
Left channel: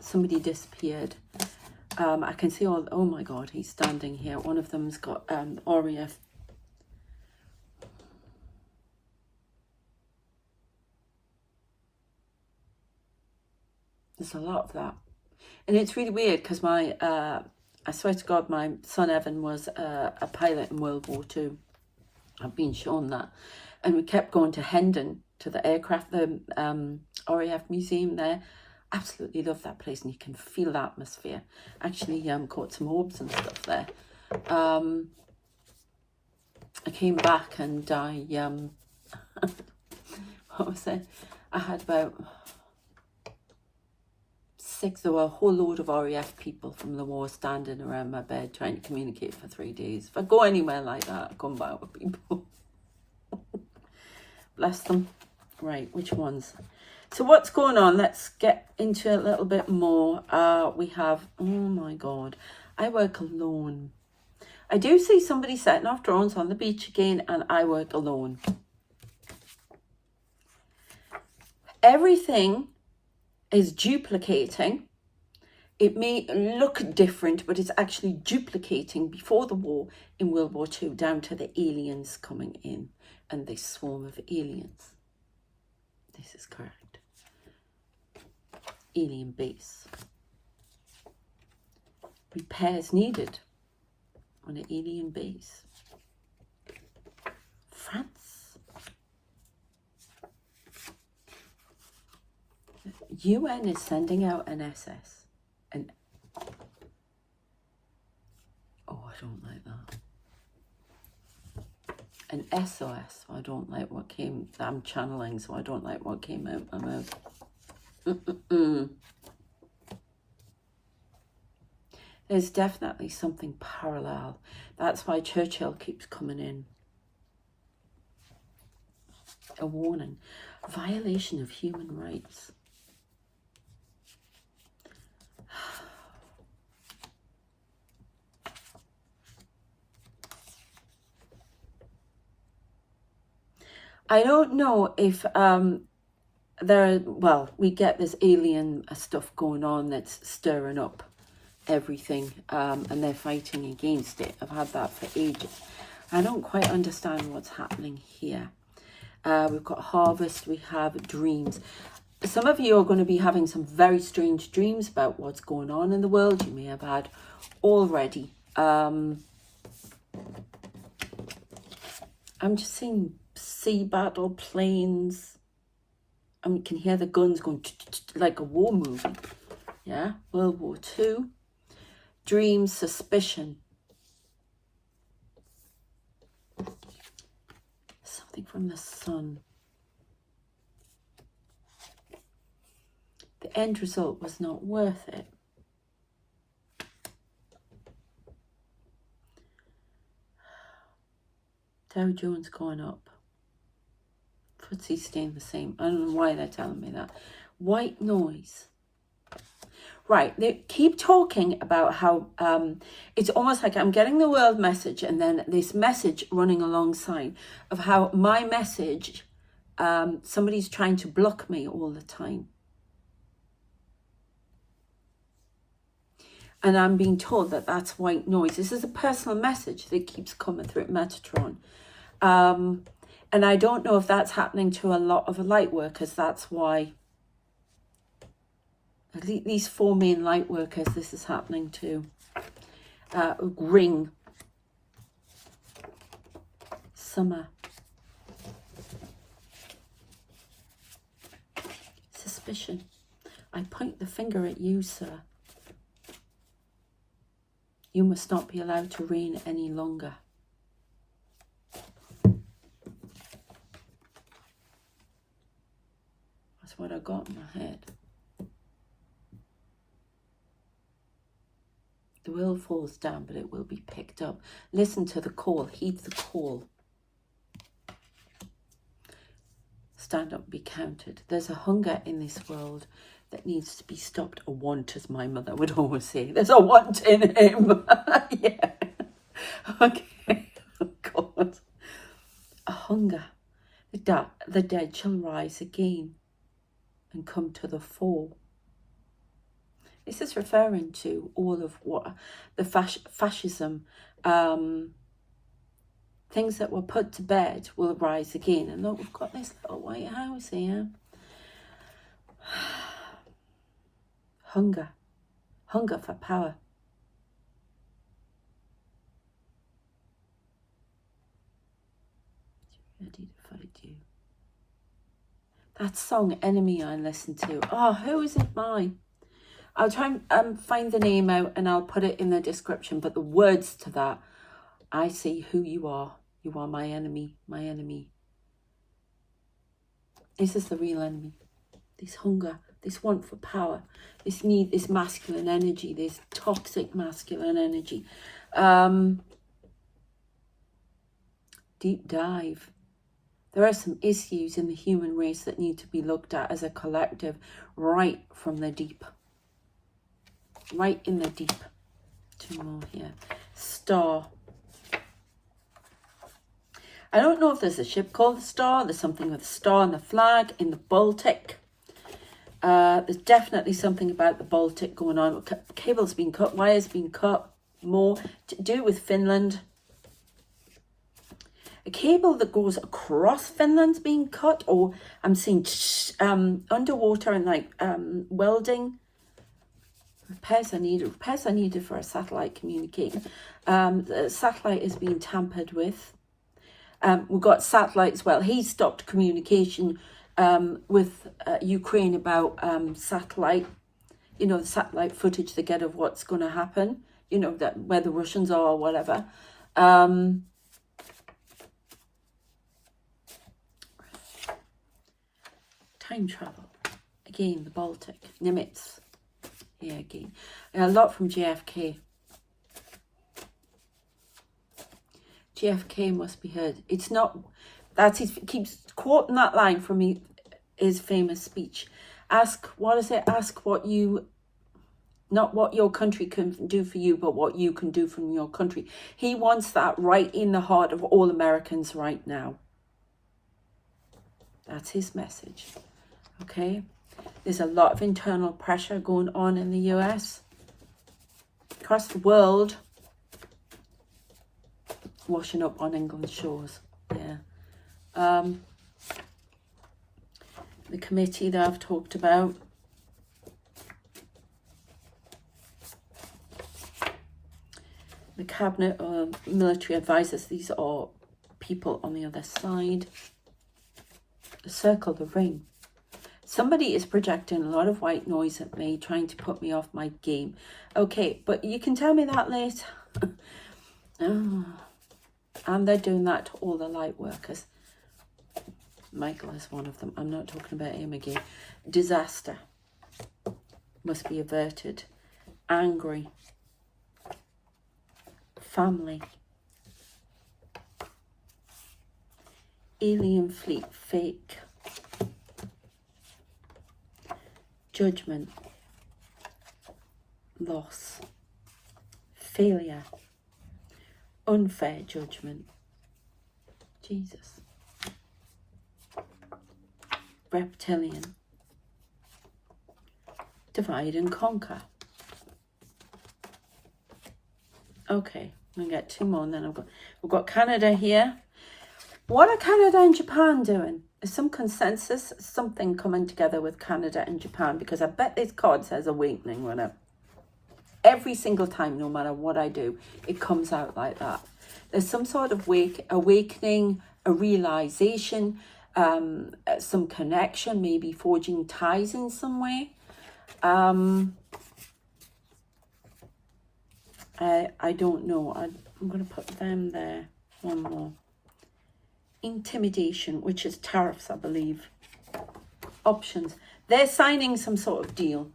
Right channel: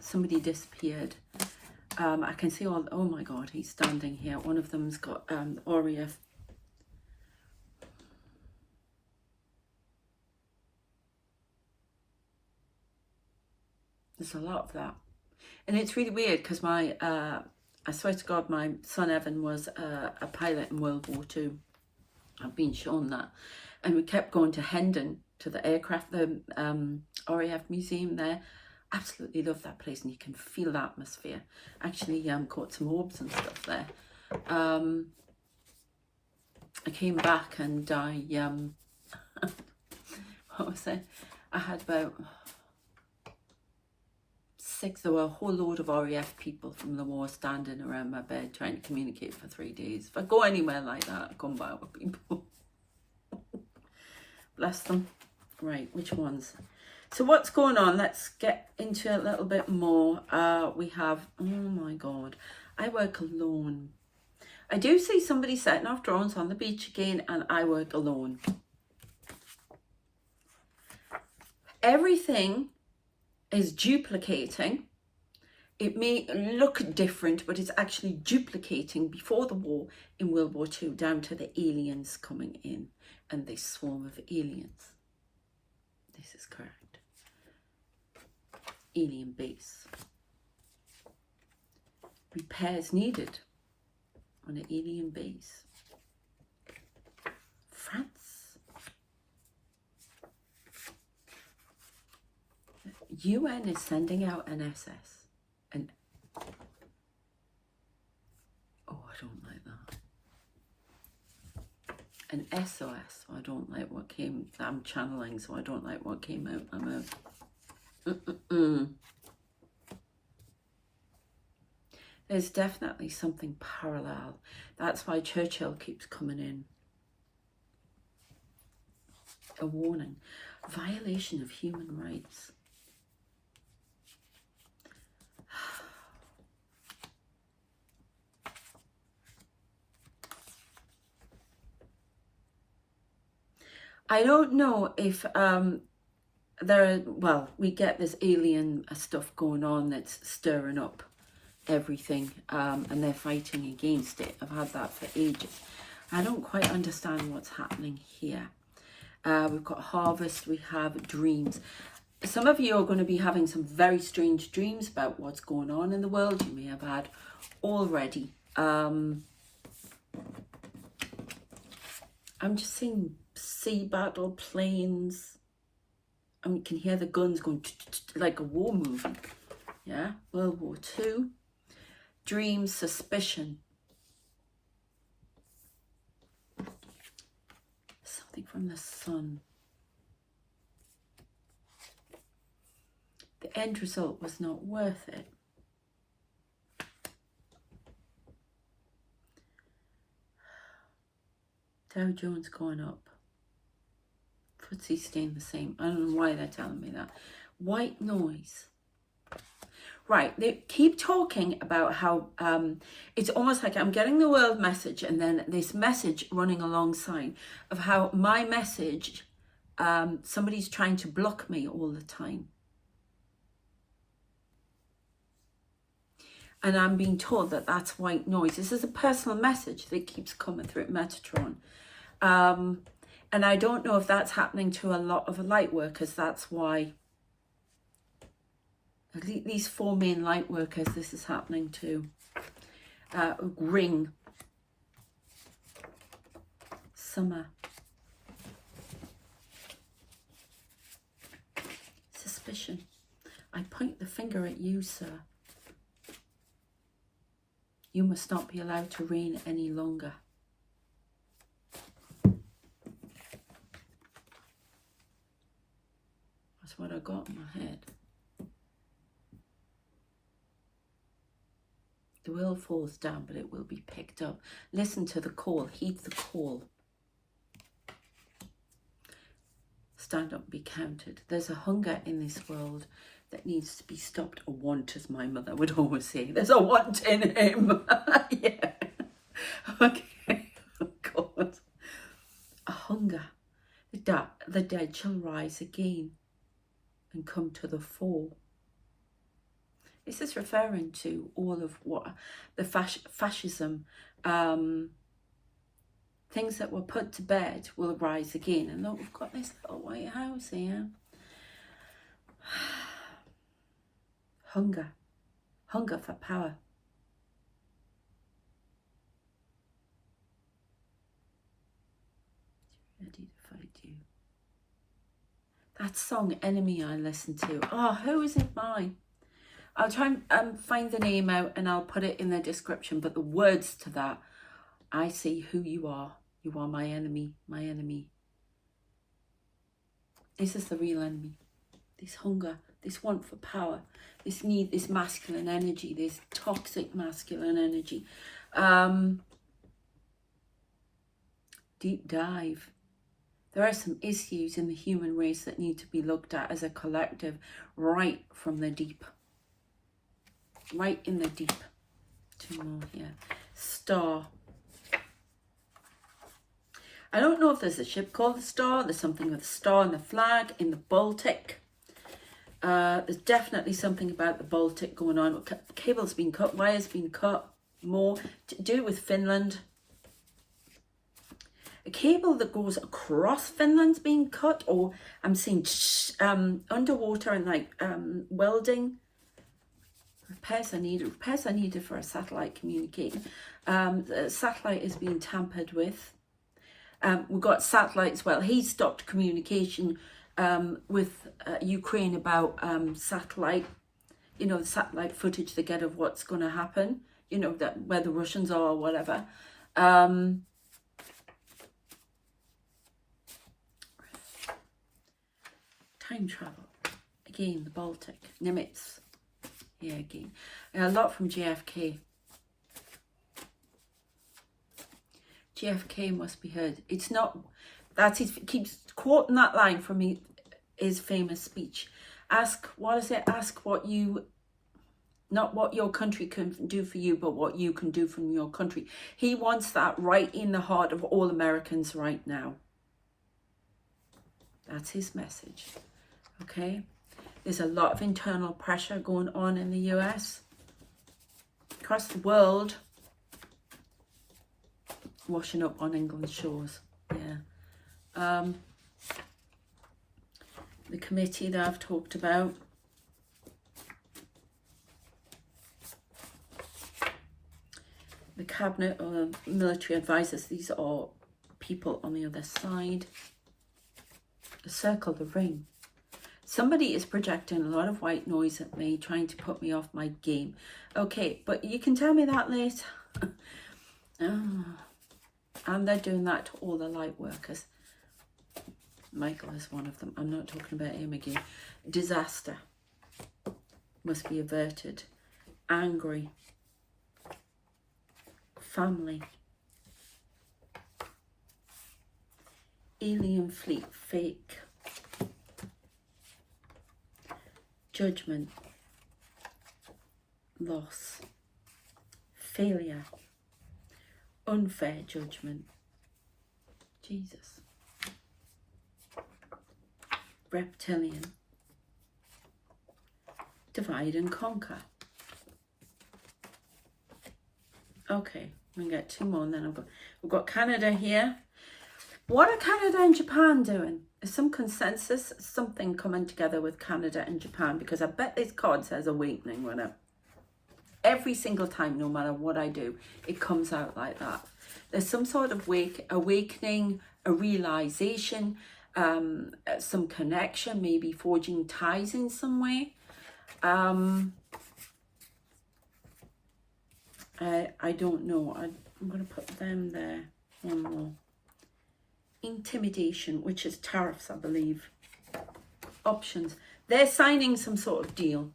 Somebody disappeared. I can see all, oh my God, he's standing here. One of them's got RAF. There's a lot of that. And it's really weird because my, I swear to God, my son Evan was a pilot in World War II. I've been shown that. And we kept going to Hendon, to the aircraft, the RAF museum there. Absolutely love that place, and you can feel the atmosphere. Actually caught some orbs and stuff there. I came back and I, what was it? I had about 6, there were a whole load of RAF people from the war standing around my bed trying to communicate for 3 days. If I go anywhere like that, I come back with people. Bless them. Right, which ones? So what's going on? Let's get into a little bit more. We have, oh my God, I work alone. I do see somebody setting off drones on the beach again, and I work alone. Everything is duplicating. It may look different, but it's actually duplicating before the war in World War II, down to the aliens coming in and this swarm of aliens. This is correct. Alien base. Repairs needed on an alien base. France. UN is sending out an SS. Oh, I don't like that. An SOS. So I don't like what came. I'm channeling, so I don't like what came out my mouth. There's definitely something parallel. That's why Churchill keeps coming in. A warning. Violation of human rights. I don't know if well, we get this alien stuff going on that's stirring up everything, and they're fighting against it. I've had that for ages. I don't quite understand what's happening here. We've got harvest, we have dreams. Some of you are going to be having some very strange dreams about what's going on in the world. You may have had already. I'm just seeing sea battle, planes. I mean, you can hear the guns going like a war movie. Yeah, World War II. Dreams, suspicion. Something from the sun. The end result was not worth it. Dow Jones going up. FTSE staying the same. I don't know why they're telling me that. White noise. Right, they keep talking about how it's almost like I'm getting the world message and then this message running alongside of how my message, somebody's trying to block me all the time. And I'm being told that that's white noise. This is a personal message that keeps coming through Metatron. And I don't know if that's happening to a lot of light workers. That's why at least these 4 main light workers, this is happening to. Ring. Summer. Suspicion. I point the finger at you, sir. You must not be allowed to reign any longer. That's what I got in my head. The world falls down, but it will be picked up. Listen to the call. Heed the call. Stand up, be counted. There's a hunger in this world that needs to be stopped. A want, as my mother would always say. There's a want in him. Yeah. Okay. Oh, God. A hunger. The dead shall rise again and come to the fore. This is referring to all of what the fascism, things that were put to bed will rise again. And look, we've got this little White House here. Hunger. Hunger for power. Ready to fight you. That song, Enemy, I listened to. Oh, who is it by? I'll try and find the name out and I'll put it in the description. But the words to that, I see who you are. You are my enemy, my enemy. This is the real enemy. This hunger, this want for power, this need, this masculine energy, this toxic masculine energy. Deep dive. There are some issues in the human race that need to be looked at as a collective right from the deep. Right in the deep. 2 more here. Star. I don't know if there's a ship called the Star. There's something with the star and the flag in the Baltic. There's definitely something about the Baltic going on. Cable's been cut, wires been cut. More to do with Finland. A cable that goes across Finland's being cut, or I'm seeing underwater and like welding. Repairs are needed for a satellite communication. The satellite is being tampered with. We've got satellite as well. He stopped communication with Ukraine about satellite, you know, the satellite footage they get of what's going to happen, you know, that where the Russians are or whatever. Time travel. Again, the Baltic. Nimitz. Here again. And a lot from JFK. JFK must be heard. It's not, that's his, keeps quoting that line from his famous speech. Ask, what is it? Ask what you, not what your country can do for you, but what you can do from your country. He wants that right in the heart of all Americans right now. That's his message. Okay? There's a lot of internal pressure going on in the US. Across the world. Washing up on England's shores. Yeah. The committee that I've talked about. The cabinet or military advisors. These are people on the other side. The circle, the ring. Somebody is projecting a lot of white noise at me, trying to put me off my game. Okay, but you can tell me that later. Oh. And they're doing that to all the light workers. Michael is one of them. I'm not talking about him again. Disaster must be averted. Angry. Family. Alien fleet. Fake. Judgment. Loss. Failure. Unfair judgment. Jesus. Reptilian. Divide and conquer. Okay, I'm gonna get 2 more and then we've got Canada here. What are Canada and Japan doing? Is some consensus, something coming together with Canada and Japan? Because I bet this card says awakening on it. Every single time, no matter what I do, it comes out like that. There's some sort of awakening, a realization, some connection, maybe forging ties in some way. I don't know. I'm going to put them there. One more. Intimidation, which is tariffs, I believe. Options. They're signing some sort of deal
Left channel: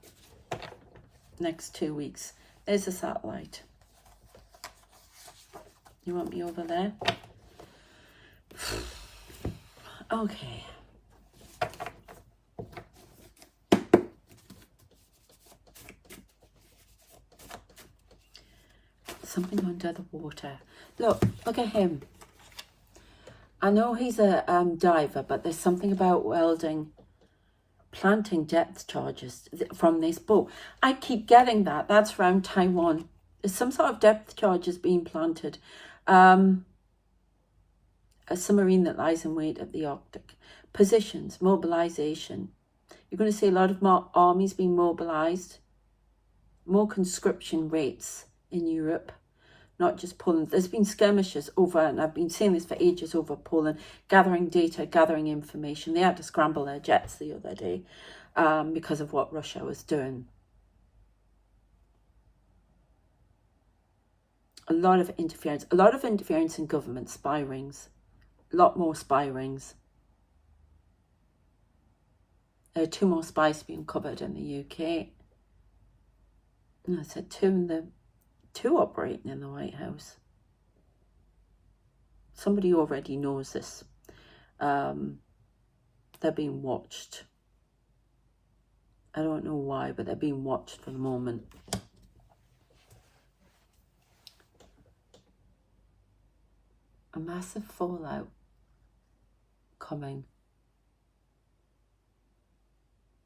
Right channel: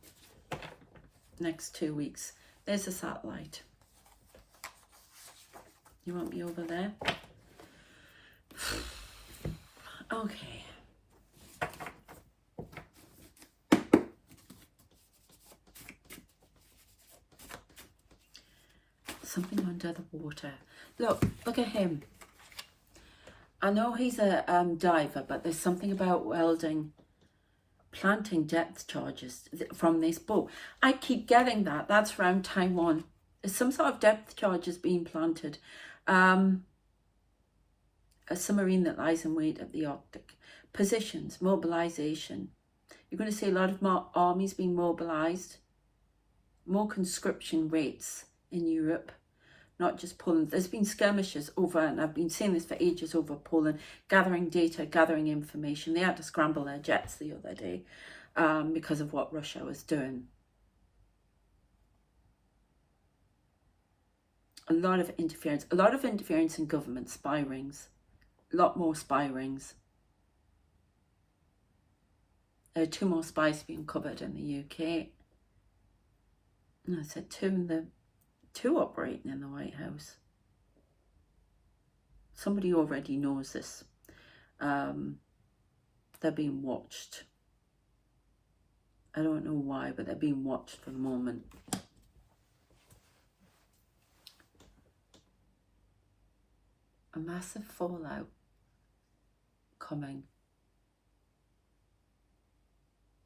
next 2 weeks. There's a satellite. You want me over there? Okay. Something under the water. Look at him. I know he's a diver, but there's something about welding, planting depth charges from this boat. I keep getting that. That's around Taiwan. There's some sort of depth charges being planted. A submarine that lies in wait at the Arctic. Positions, mobilization. You're going to see a lot of more armies being mobilized. More conscription rates in Europe. Not just Poland. There's been skirmishes over, and I've been saying this for ages, over Poland, gathering data, gathering information. They had to scramble their jets the other day because of what Russia was doing. A lot of interference in government, spy rings. A lot more spy rings. There are 2 more spies being covered in the UK. And I said 2 operating in the White House. Somebody already knows this. They're being watched. I don't know why, but they're being watched for the moment. A massive fallout coming.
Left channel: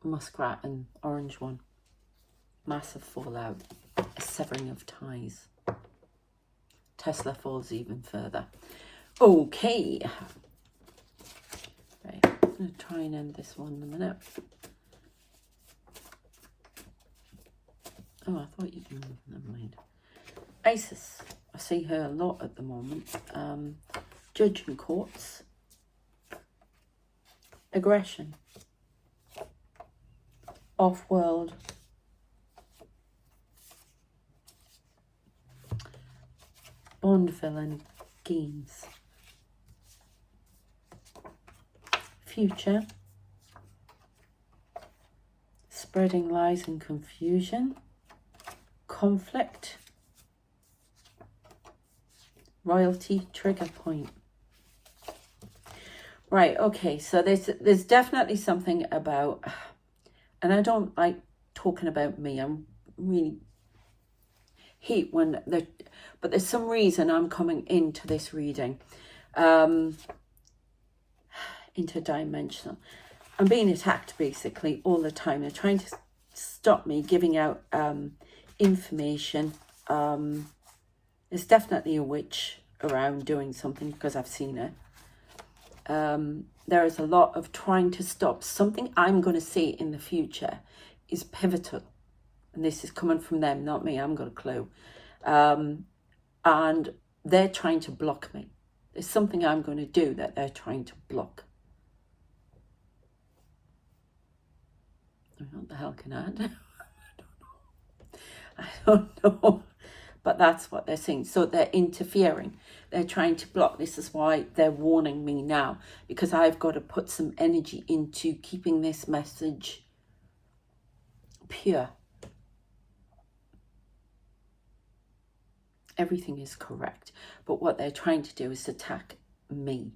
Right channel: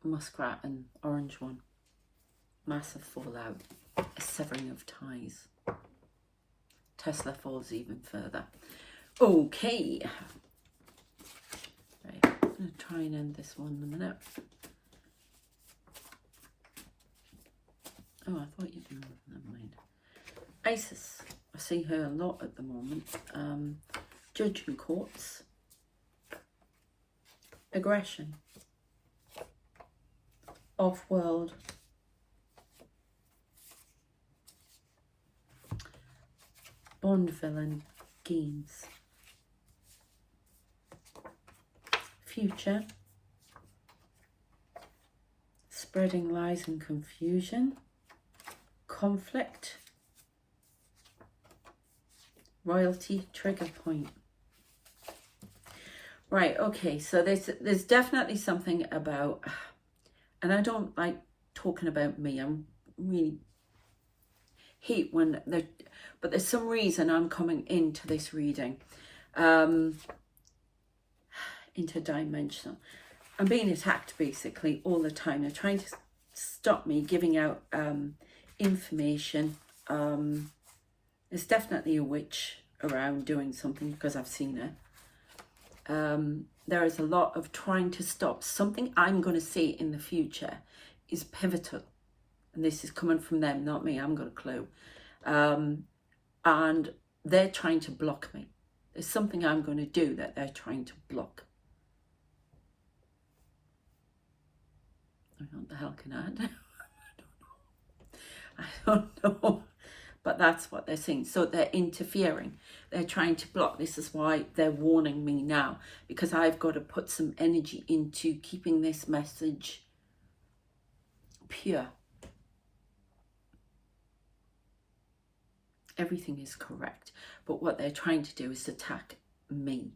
Muskrat and orange one. Massive fallout. A severing of ties. Tesla falls even further. Okay. Right, I'm going to try and end this one in a minute. Oh, I thought you'd do. Never mind. Isis. I see her a lot at the moment. Judge in courts. Aggression. Off-world. Bond villain gains. Future. Spreading lies and confusion. Conflict. Royalty trigger point. Right, okay, so there's definitely something about, and I don't like talking about me. I'm really hate when they're, but there's some reason I'm coming into this reading. Interdimensional. I'm being attacked basically all the time. They're trying to stop me giving out information. There's definitely a witch around doing something because I've seen her. There is a lot of trying to stop something I'm going to say in the future is pivotal. And this is coming from them, not me. I haven't got a clue. And they're trying to block me. There's something I'm going to do that they're trying to block. What the hell can I do? I don't know. But that's what they're saying. So they're interfering. They're trying to block. This is why they're warning me now. Because I've got to put some energy into keeping this message pure. Everything is correct. But what they're trying to do is attack me.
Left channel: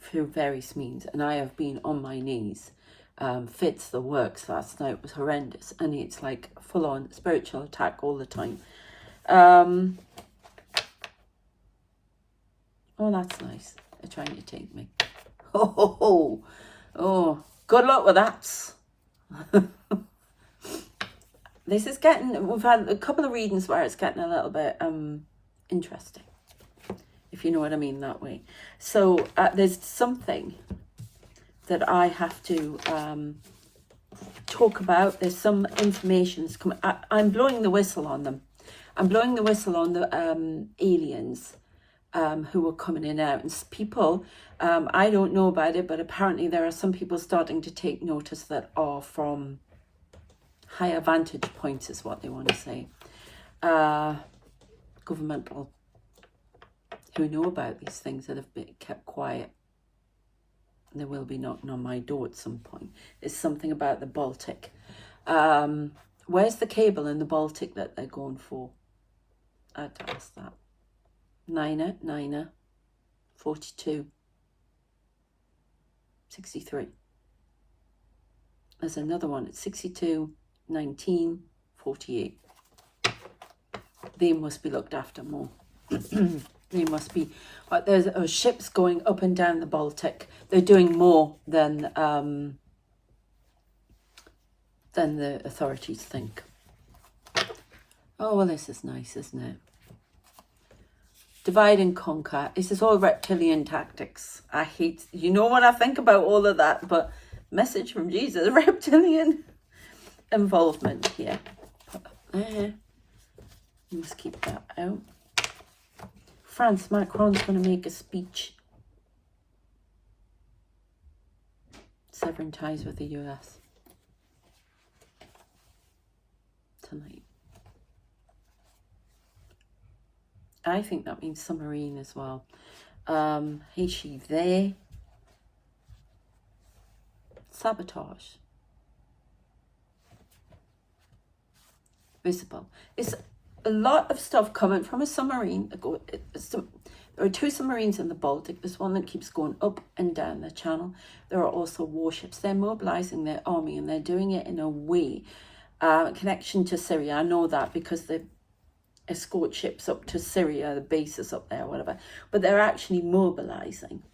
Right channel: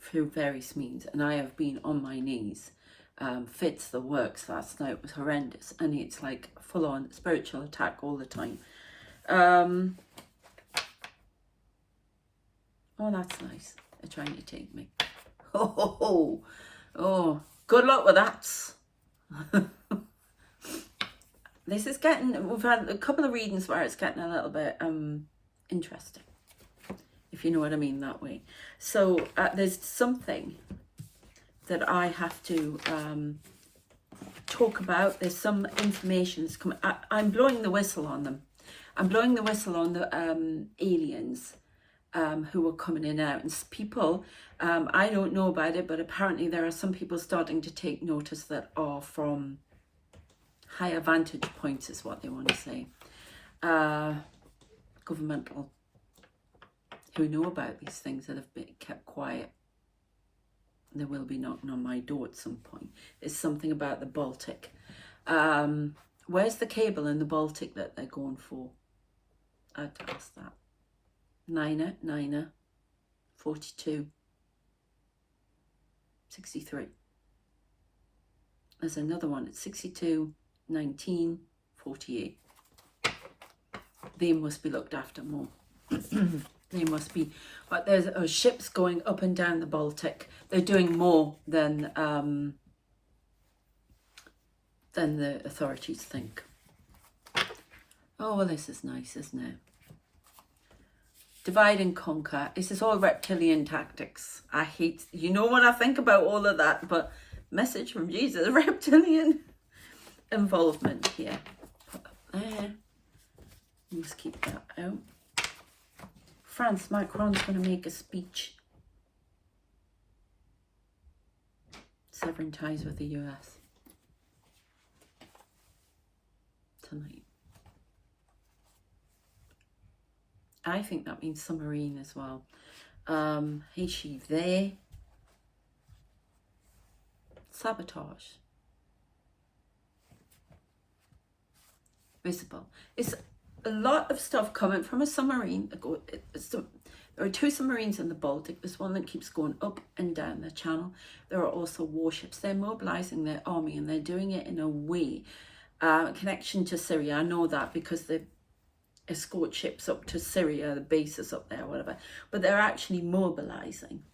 Through various means. And I have been on my knees. Fits the works last night was horrendous, and it's like full-on spiritual attack all the time. Oh, that's nice. They're trying to take me. Oh, good luck with that. This is getting, we've had a couple of readings where it's getting a little bit interesting. If if you know what I mean that way. So there's something that I have to talk about. There's some information that's coming. I'm blowing the whistle on them. I'm blowing the whistle on the aliens who are coming in and out. And people, I don't know about it, but apparently there are some people starting to take notice that are from higher vantage points, is what they want to say. Governmental, who know about these things that have been kept quiet. And they will be knocking on my door at some point. There's something about the Baltic. Where's the cable in the Baltic that they're going for? I'd ask that. Niner, 42, 63. There's another one at 62, 19, 48. They must be looked after more. They must be. But there's ships going up and down the Baltic. They're doing more than the authorities think. Oh, well, this is nice, isn't it? Divide and conquer. This is all reptilian tactics. I hate, you know what I think about all of that, but message from Jesus, reptilian involvement here. Put up there. You must keep that out. France, Macron's going to make a speech. Severing ties with the US. Tonight. I think that means submarine as well. Is she there? Sabotage. Visible. It's a lot of stuff coming from a submarine. There are 2 submarines in the Baltic. There's one that keeps going up and down the channel. There are also warships. They're mobilizing their army, and they're doing it in a way, connection to Syria. I know that because they escort ships up to Syria, the bases up there, whatever. But they're actually mobilizing.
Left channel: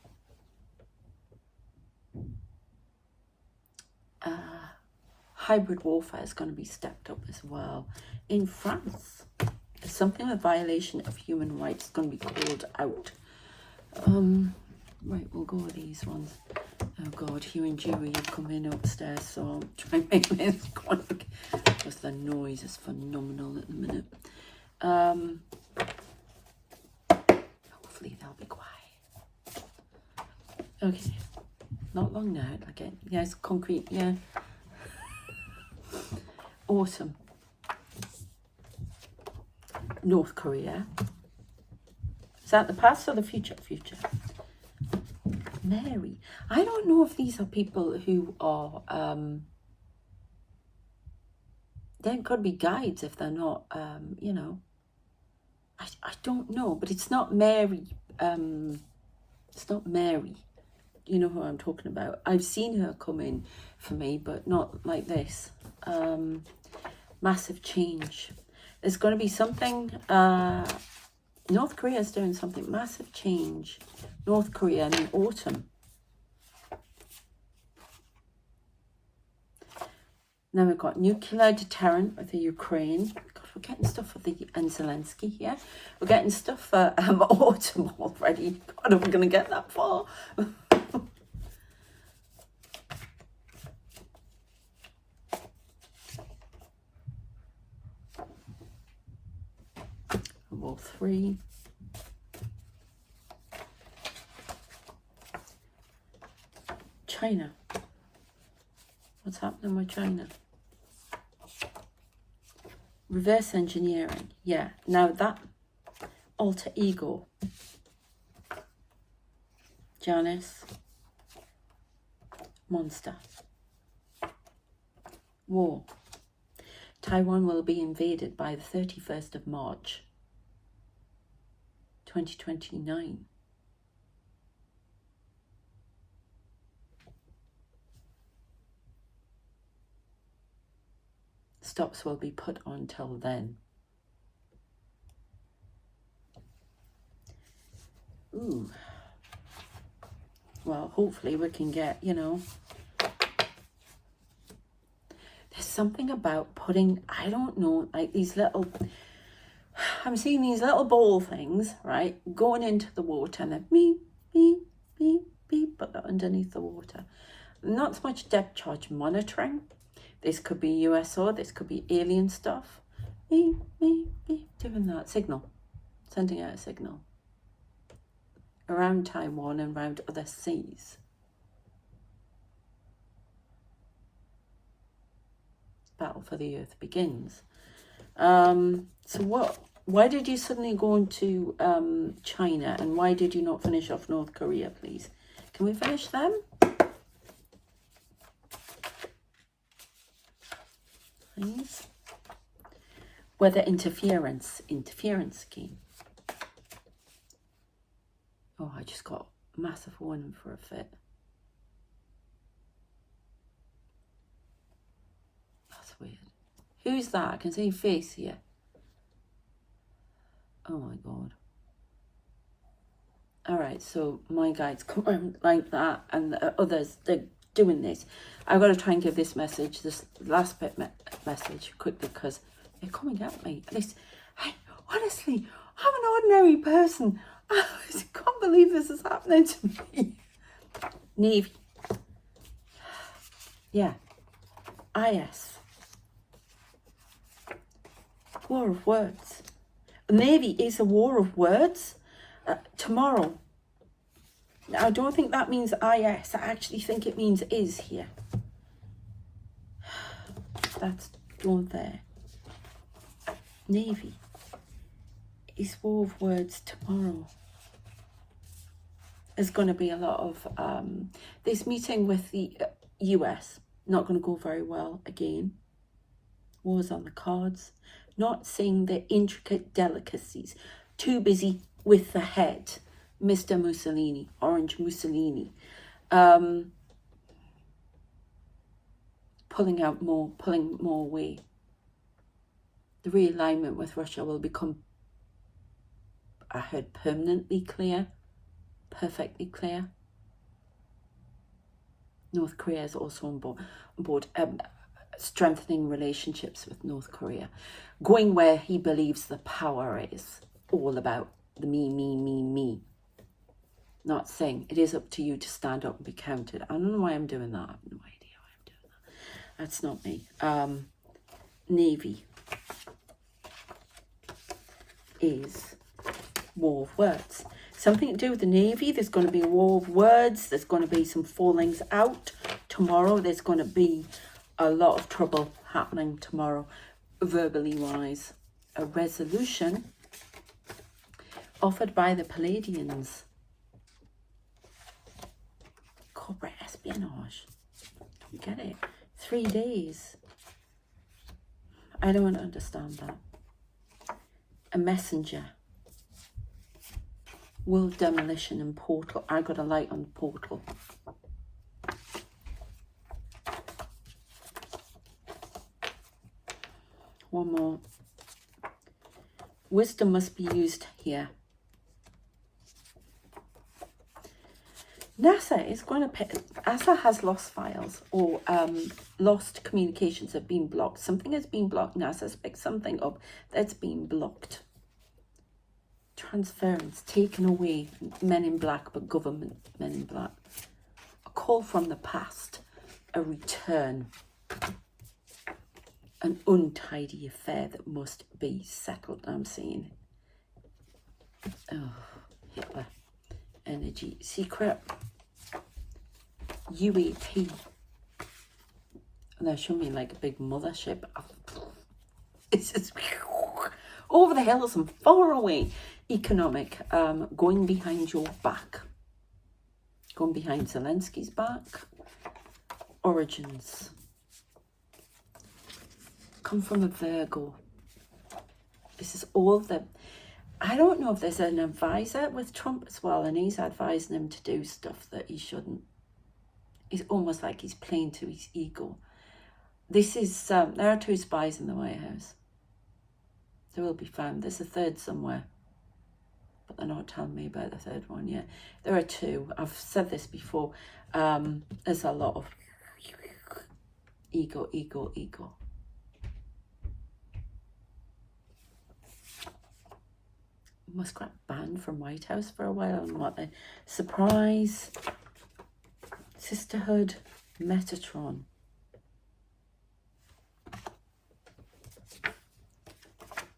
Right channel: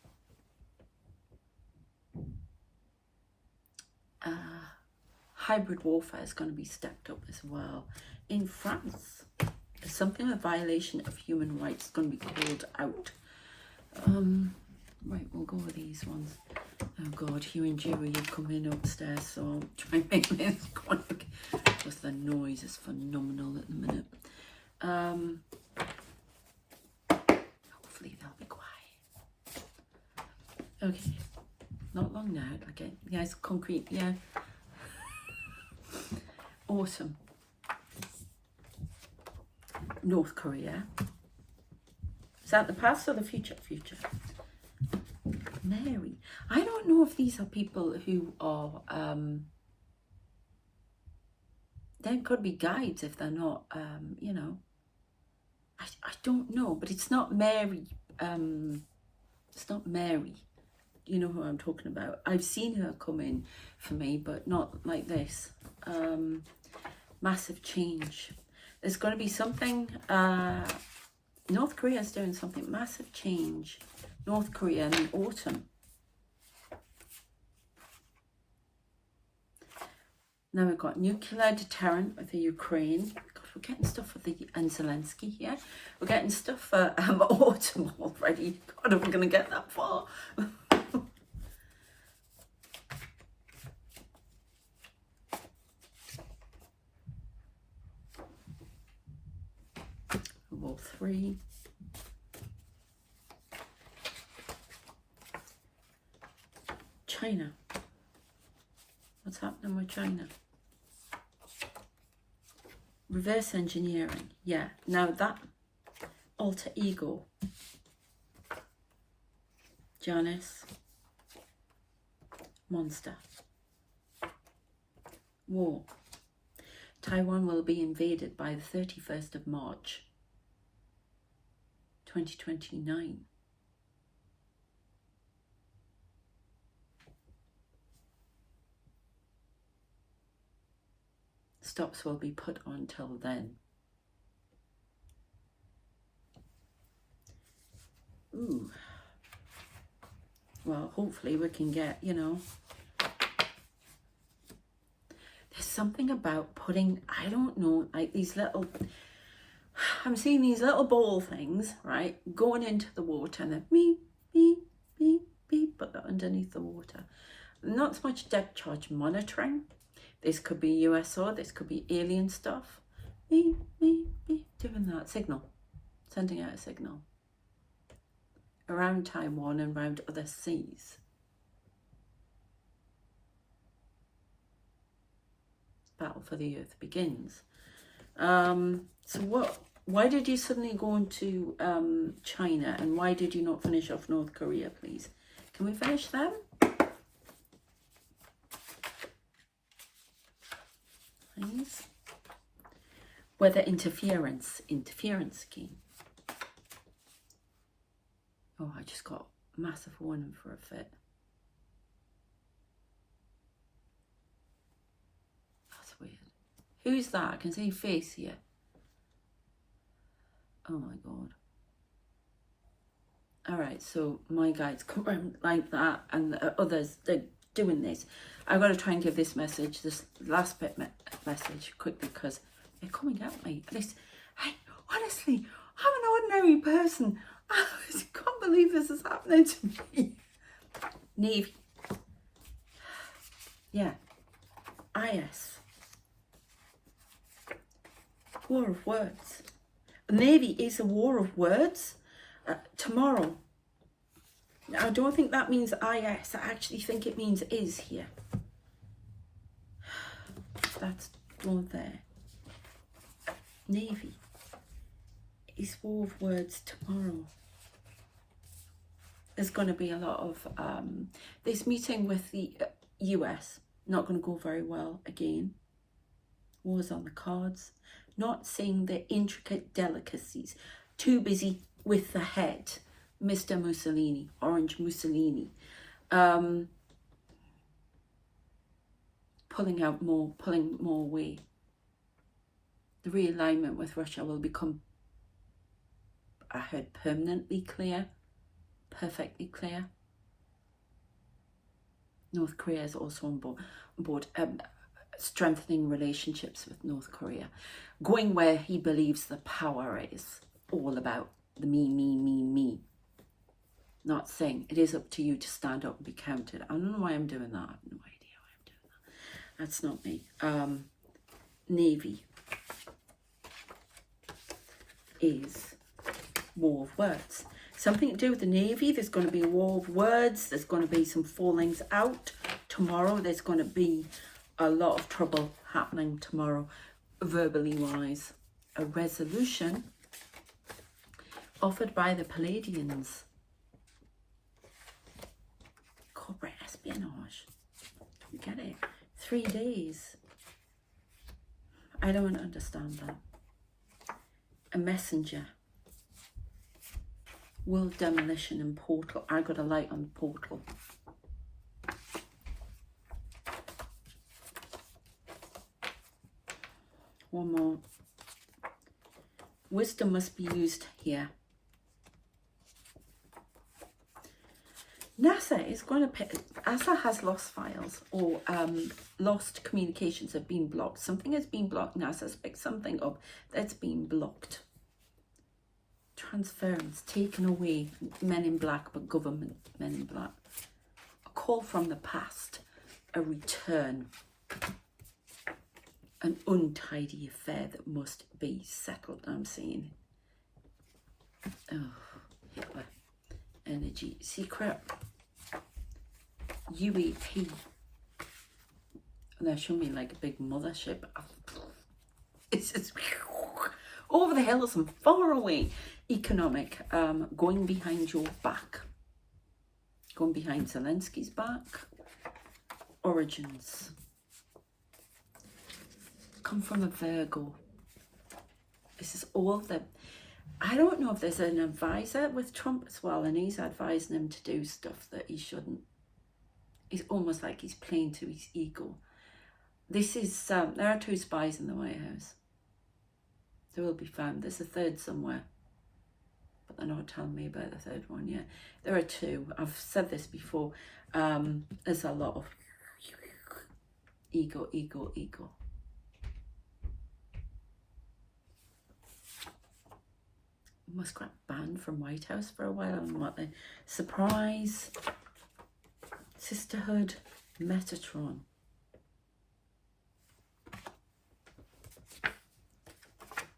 Hybrid warfare is going to be stepped up as well. In France, there's something, a violation of human rights, going to be called out. Right, we'll go with these ones. Oh God, Hugh and Dewey have come in upstairs, so I'll try and make this quick because the noise is phenomenal at the minute. Hopefully they'll be quiet. Okay, not long now. Okay, yeah, it's concrete. Yeah, awesome. North Korea. Is that the past or the future? Future. Mary. I don't know if these are people who are. They could be guides if they're not. You know. I don't know, but it's not Mary. It's not Mary. You know who I'm talking about. I've seen her come in for me, but not like this. Massive change. There's going to be something. North Korea is doing something. Massive change. North Korea in the autumn. Now we've got nuclear deterrent with the Ukraine. God, we're getting stuff for the and Zelensky here. We're getting stuff for autumn already. God, are we going to get that far? War 3. China. What's happening with China? Reverse engineering. Yeah. Now that alter ego. Janice. Monster. War. Taiwan will be invaded by the 31st of March, 2029. Stops will be put on till then. Ooh. Well, hopefully we can get, you know, there's something about putting, I don't know, like these little, I'm seeing these little ball things, right, going into the water, and then beep, beep, beep, beep, but they're underneath the water. Not so much depth charge monitoring. This could be USO, this could be alien stuff. Beep, beep, beep, doing that signal, sending out a signal around Taiwan and around other seas. Battle for the Earth begins. So why did you suddenly go into China, and why did you not finish off North Korea, please? Can we finish them? Please. Weather interference scheme. Oh, I just got massive warning for a fit. That's weird. Who's that? I can see your face here. Oh my God. All right, so my guides come around like that, and the others, they're doing this. I've got to try and give this message, this last bit message quickly, because they're coming at me. Honestly, I'm an ordinary person. I can't believe this is happening to me. Navy. Yeah. IS. War of words. Navy is a war of words. Tomorrow. I don't think that means IS. I actually think it means is here. That's don't there. Navy is war of words tomorrow. There's going to be a lot of this meeting with the US. Not going to go very well again. Wars on the cards. Not seeing the intricate delicacies. Too busy with the head. Mr. Mussolini, Orange Mussolini. Pulling more away. The realignment with Russia will become, I heard, permanently clear, perfectly clear. North Korea is also on board strengthening relationships with North Korea, going where he believes the power is, all about the me. Not saying it is up to you to stand up and be counted. I don't know why I'm doing that. I have no idea why I'm doing that. That's not me. Navy is war of words. Something to do with the Navy. There's going to be a war of words. There's going to be some fallings out tomorrow. There's going to be a lot of trouble happening tomorrow, verbally wise. A resolution offered by the Palladians. Corporate espionage. Don't get it. 3 days. I don't understand that. A messenger. World demolition and portal. I got a light on the portal. One more. Wisdom must be used here. NASA is going to pick. NASA has lost files, or lost communications have been blocked. Something has been blocked. NASA's picked something up that's been blocked. Transference, taken away. Men in black, but government men in black. A call from the past. A return. An untidy affair that must be settled. I'm seeing. Oh, Hitler. Energy. Secret. UAP. And they're showing me like a big mothership. It's just over the hills and far away. Economic. Going behind your back. Going behind Zelensky's back. Origins. Come from a Virgo. This is all the... I don't know if there's an advisor with Trump as well, and he's advising him to do stuff that he shouldn't. It's almost like he's playing to his ego. This is, there are 2 spies in the White House. They will be found. There's a third somewhere, but they're not telling me about the third one yet. There are 2. I've said this before. There's a lot of ego. muskrat banned from White House for a while. And what the surprise, sisterhood, Metatron.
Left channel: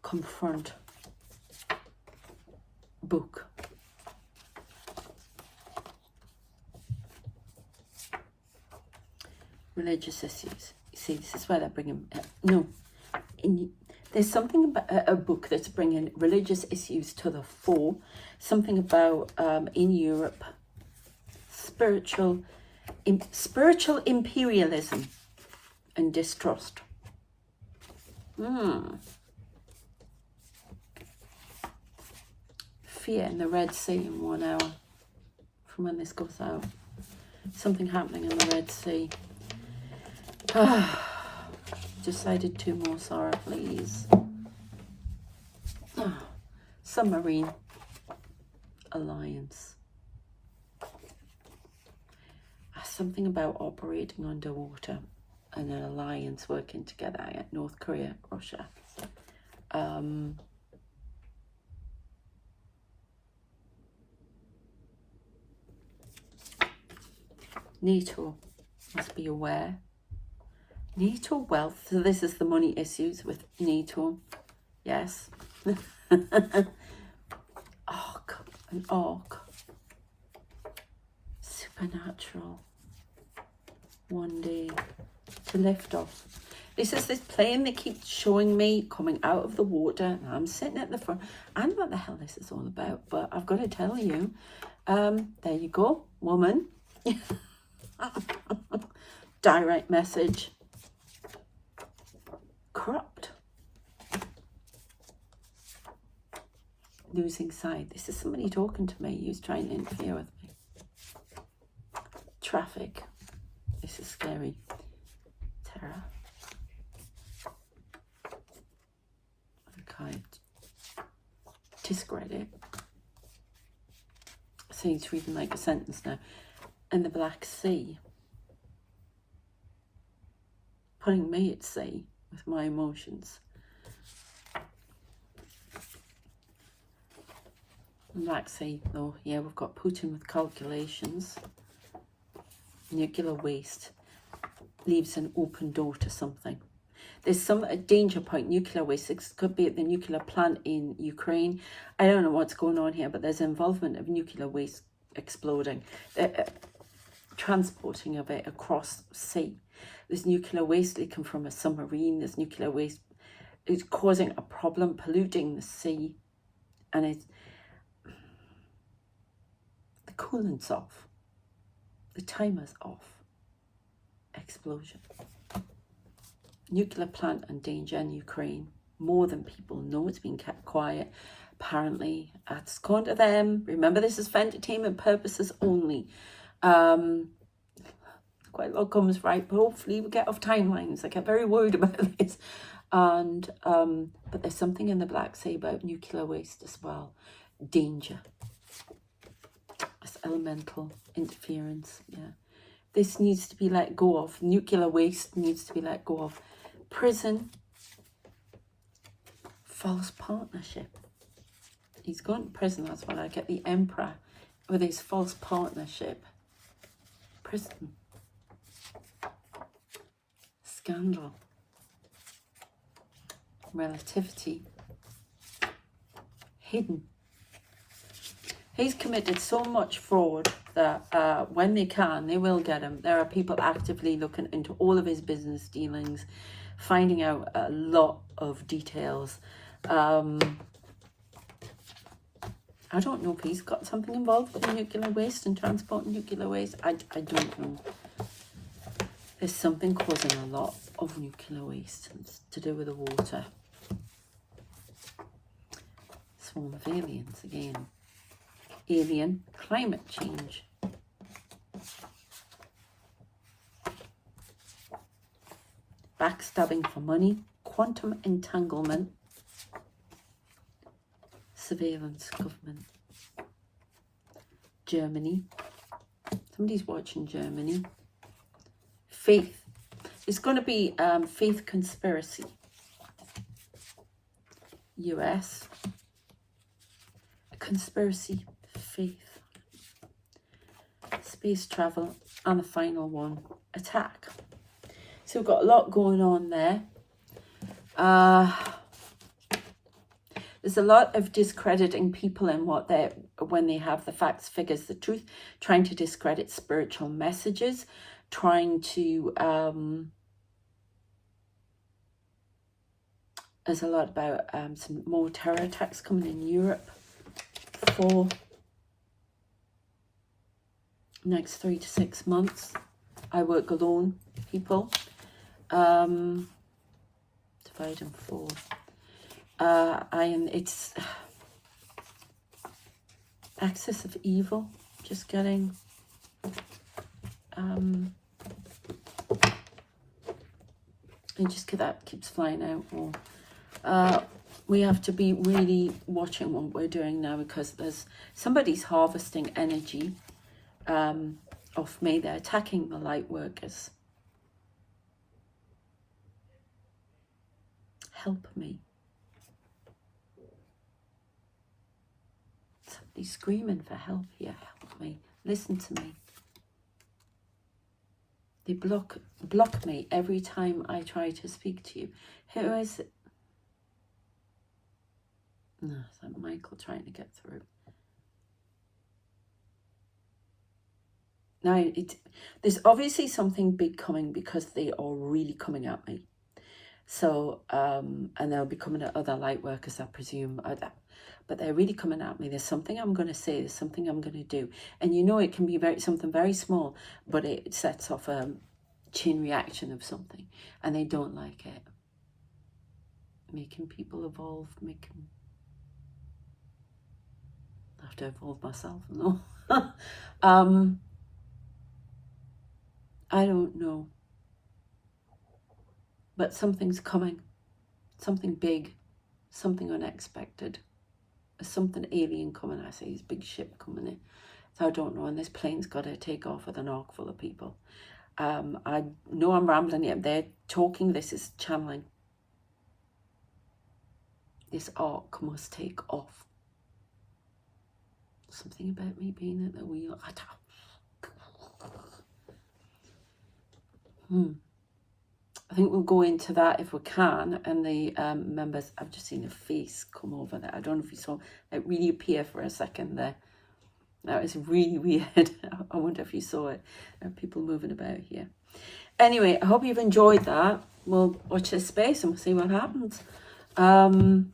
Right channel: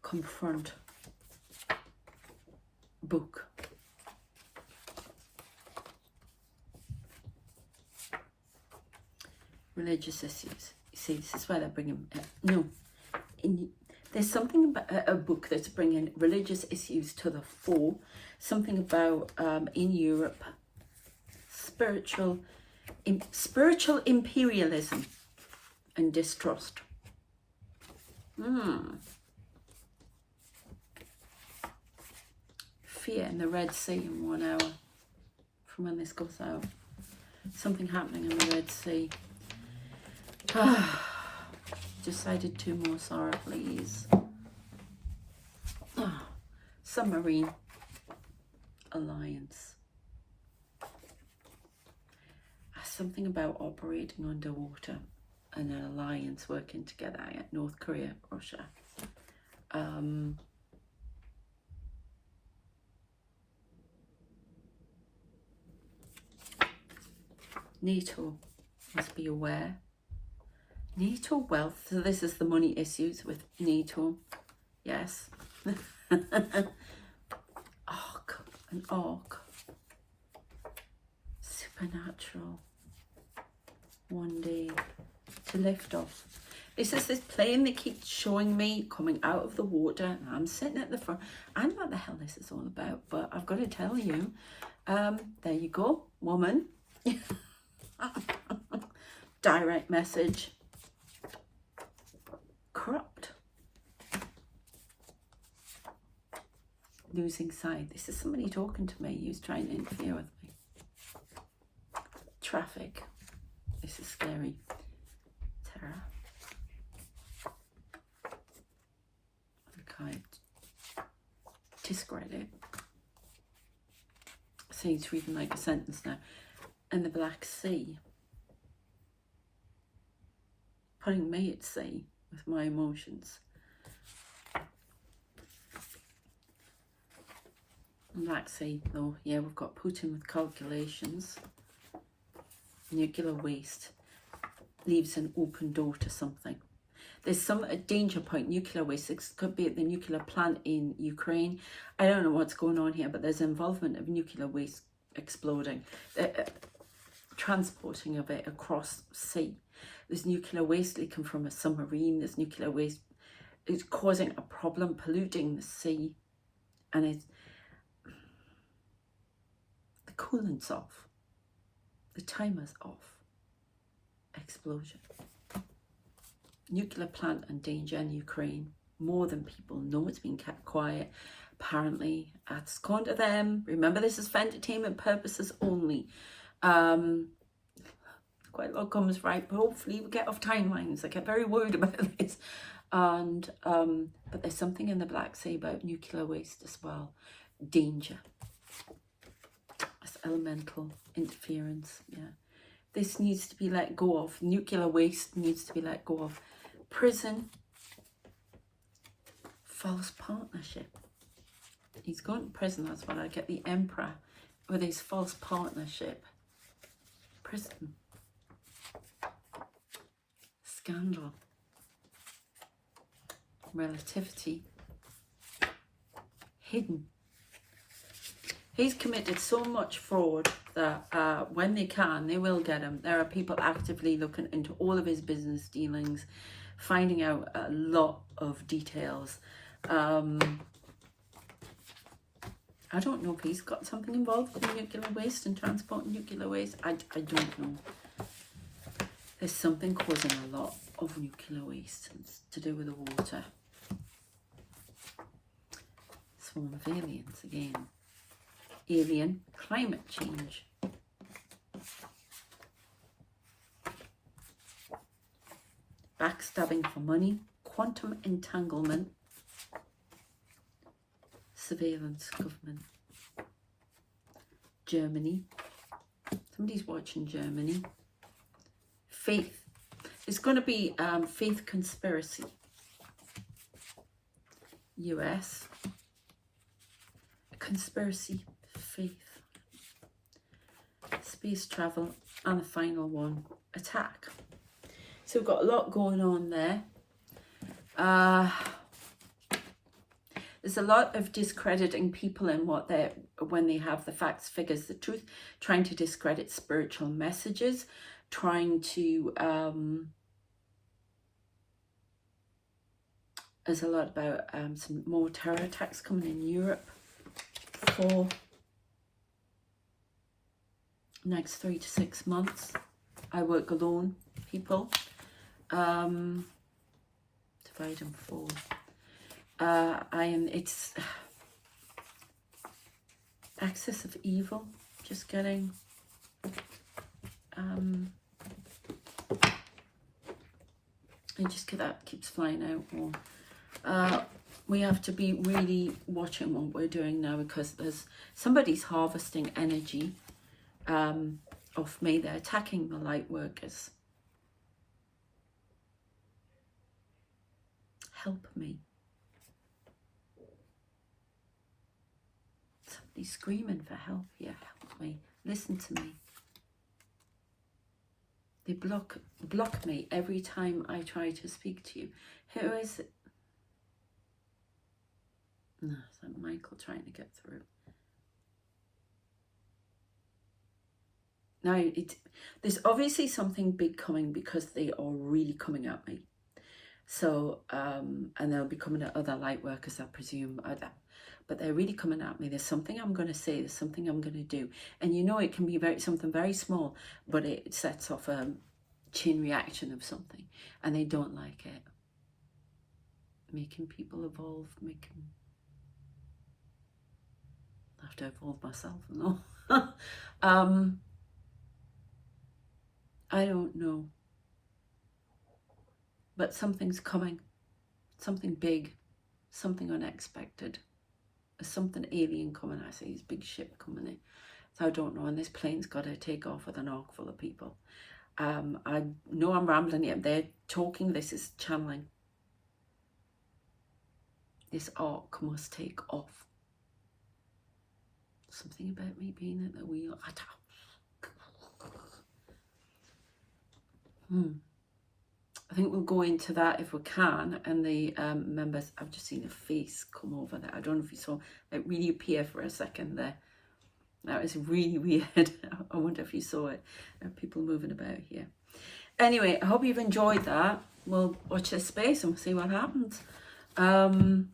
Confront book. Religious issues. You see, this is where they're bringing there's something about a book that's bringing religious issues to the fore. Something about in Europe, spiritual imperialism and distrust. Fear in the Red Sea in 1 hour from when this goes out. Something happening in the Red Sea. Decided 2 more, Sarah, please. Submarine alliance. Something about operating underwater and an alliance working together. North Korea, Russia. NATO must be aware. NATO wealth. So this is the money issues with NATO. Yes. Ark. An ark. Supernatural. One day to lift off. This is this plane they keep showing me coming out of the water. And I'm sitting at the front. I don't know what the hell this is all about, but I've got to tell you. There you go, woman. Direct message. Corrupt. Losing side. This is somebody talking to me who's trying to interfere with me. Traffic. This is scary. Terror. Okay. Discredit. So it's reading like a sentence now. And the Black Sea. Putting me at sea with my emotions. Black Sea, though, yeah, we've got Putin with calculations. Nuclear waste leaves an open door to something. There's a danger point, nuclear waste. It could be at the nuclear plant in Ukraine. I don't know what's going on here, but there's involvement of nuclear waste exploding, transporting of it across sea. There's nuclear waste leaking from a submarine. There's nuclear waste. It's causing a problem, polluting the sea. And the coolant's off. The timer's off. Explosion. Nuclear plant and danger in Ukraine. More than people know. It's been kept quiet. Apparently, that's gone to them. Remember, this is for entertainment purposes only. Quite a lot comes right, but hopefully we get off timelines. I get very worried about this. And but there's something in the Black Sea about nuclear waste as well. Danger. It's elemental interference. Yeah. This needs to be let go of. Nuclear waste needs to be let go of. Prison. False partnership. He's going to prison, that's what I get. The Emperor with his false partnership. Prison. Scandal. Relativity. Hidden. He's committed so much fraud that when they can, they will get him. There are people actively looking into all of his business dealings, finding out a lot of details. I don't know if he's got something involved with nuclear waste and transporting nuclear waste. I don't know. There's something causing a lot of nuclear waste. It's to do with the water. Swarm of aliens again. Alien climate change. Backstabbing for money. Quantum entanglement. Surveillance government. Germany. Somebody's watching Germany. Faith. It's going to be faith conspiracy. US. conspiracy, faith, space travel, and the final one, attack. So we've got a lot going on there. There's a lot of discrediting people in when they have the facts, figures, the truth, trying to discredit spiritual messages, trying to, there's a lot about some more terror attacks coming in Europe for next 3 to 6 months. I work alone, people. Divide and fall. It's axis of evil, just getting and just that keeps flying out more. We have to be really watching what we're doing now, because there's somebody's harvesting energy off me. They're attacking the light workers. Help me. Somebody's screaming for help here. Help me. Listen to me. They block me every time I try to speak to you. Who is it? No, is that Michael trying to get through? Now, there's obviously something big coming, because they are really coming at me. So, and they'll be coming at other light workers, I presume. But they're really coming at me. There's something I'm going to say. There's something I'm going to do. And you know, it can be something very small, but it sets off a chain reaction of something. And they don't like it. Making people evolve, I have to evolve myself, no. I don't know. But something's coming. Something big. Something unexpected. There's something alien coming. I see this big ship coming in. So I don't know. And this plane's got to take off with an ark full of people. I know I'm rambling here. They're talking. This is channeling. This ark must take off. Something about me being at the wheel. I think we'll go into that if we can. And the members, I've just seen a face come over there. I don't know if you saw it really appear for a second there. That was really weird. I wonder if you saw it. There are people moving about here. Anyway, I hope you've enjoyed that. We'll watch this space and we'll see what happens. And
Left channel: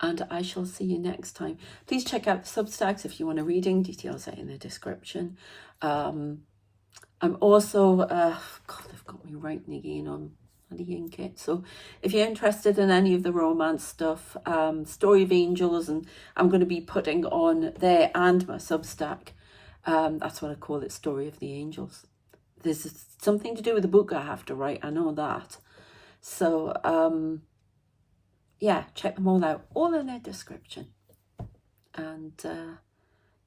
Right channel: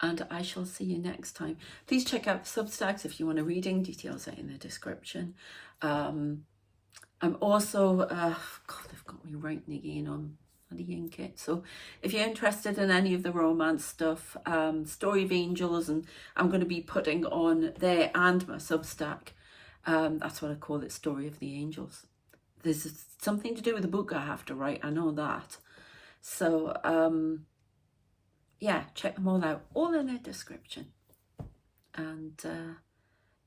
I shall see you next time. Please check out the Substacks if you want a reading. Details are in the description. I'm also, God, they've got me writing again on the ink it. So if you're interested in any of the romance stuff, Story of Angels, and I'm going to be putting on there and my Substack. That's what I call it, Story of the Angels. There's something to do with the book I have to write. I know that. So, yeah, check them all out. All in the description. And,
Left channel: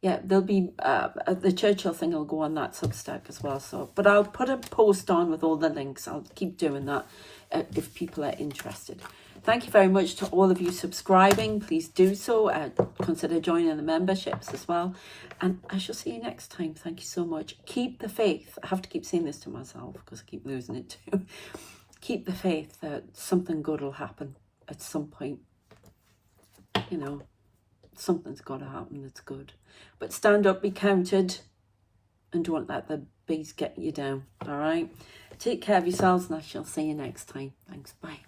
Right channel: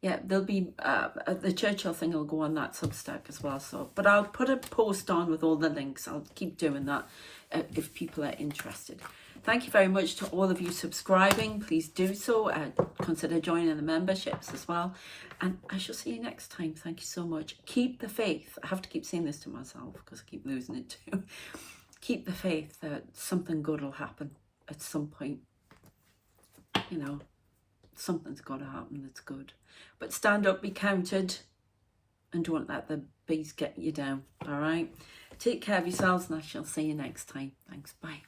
yeah, there'll be, the Churchill thing will go on that Substack as well. So, but I'll put a post on with all the links. I'll keep doing that if people are interested. Thank you very much to all of you subscribing. Please do so. Consider joining the memberships as well. And I shall see you next time. Thank you so much. Keep the faith. I have to keep saying this to myself because I keep losing it too. Keep the faith that something good will happen at some point. You know, something's got to happen that's good. But stand up, be counted, and don't let the bees get you down. All right? Take care of yourselves, and I shall see you next time. Thanks. Bye.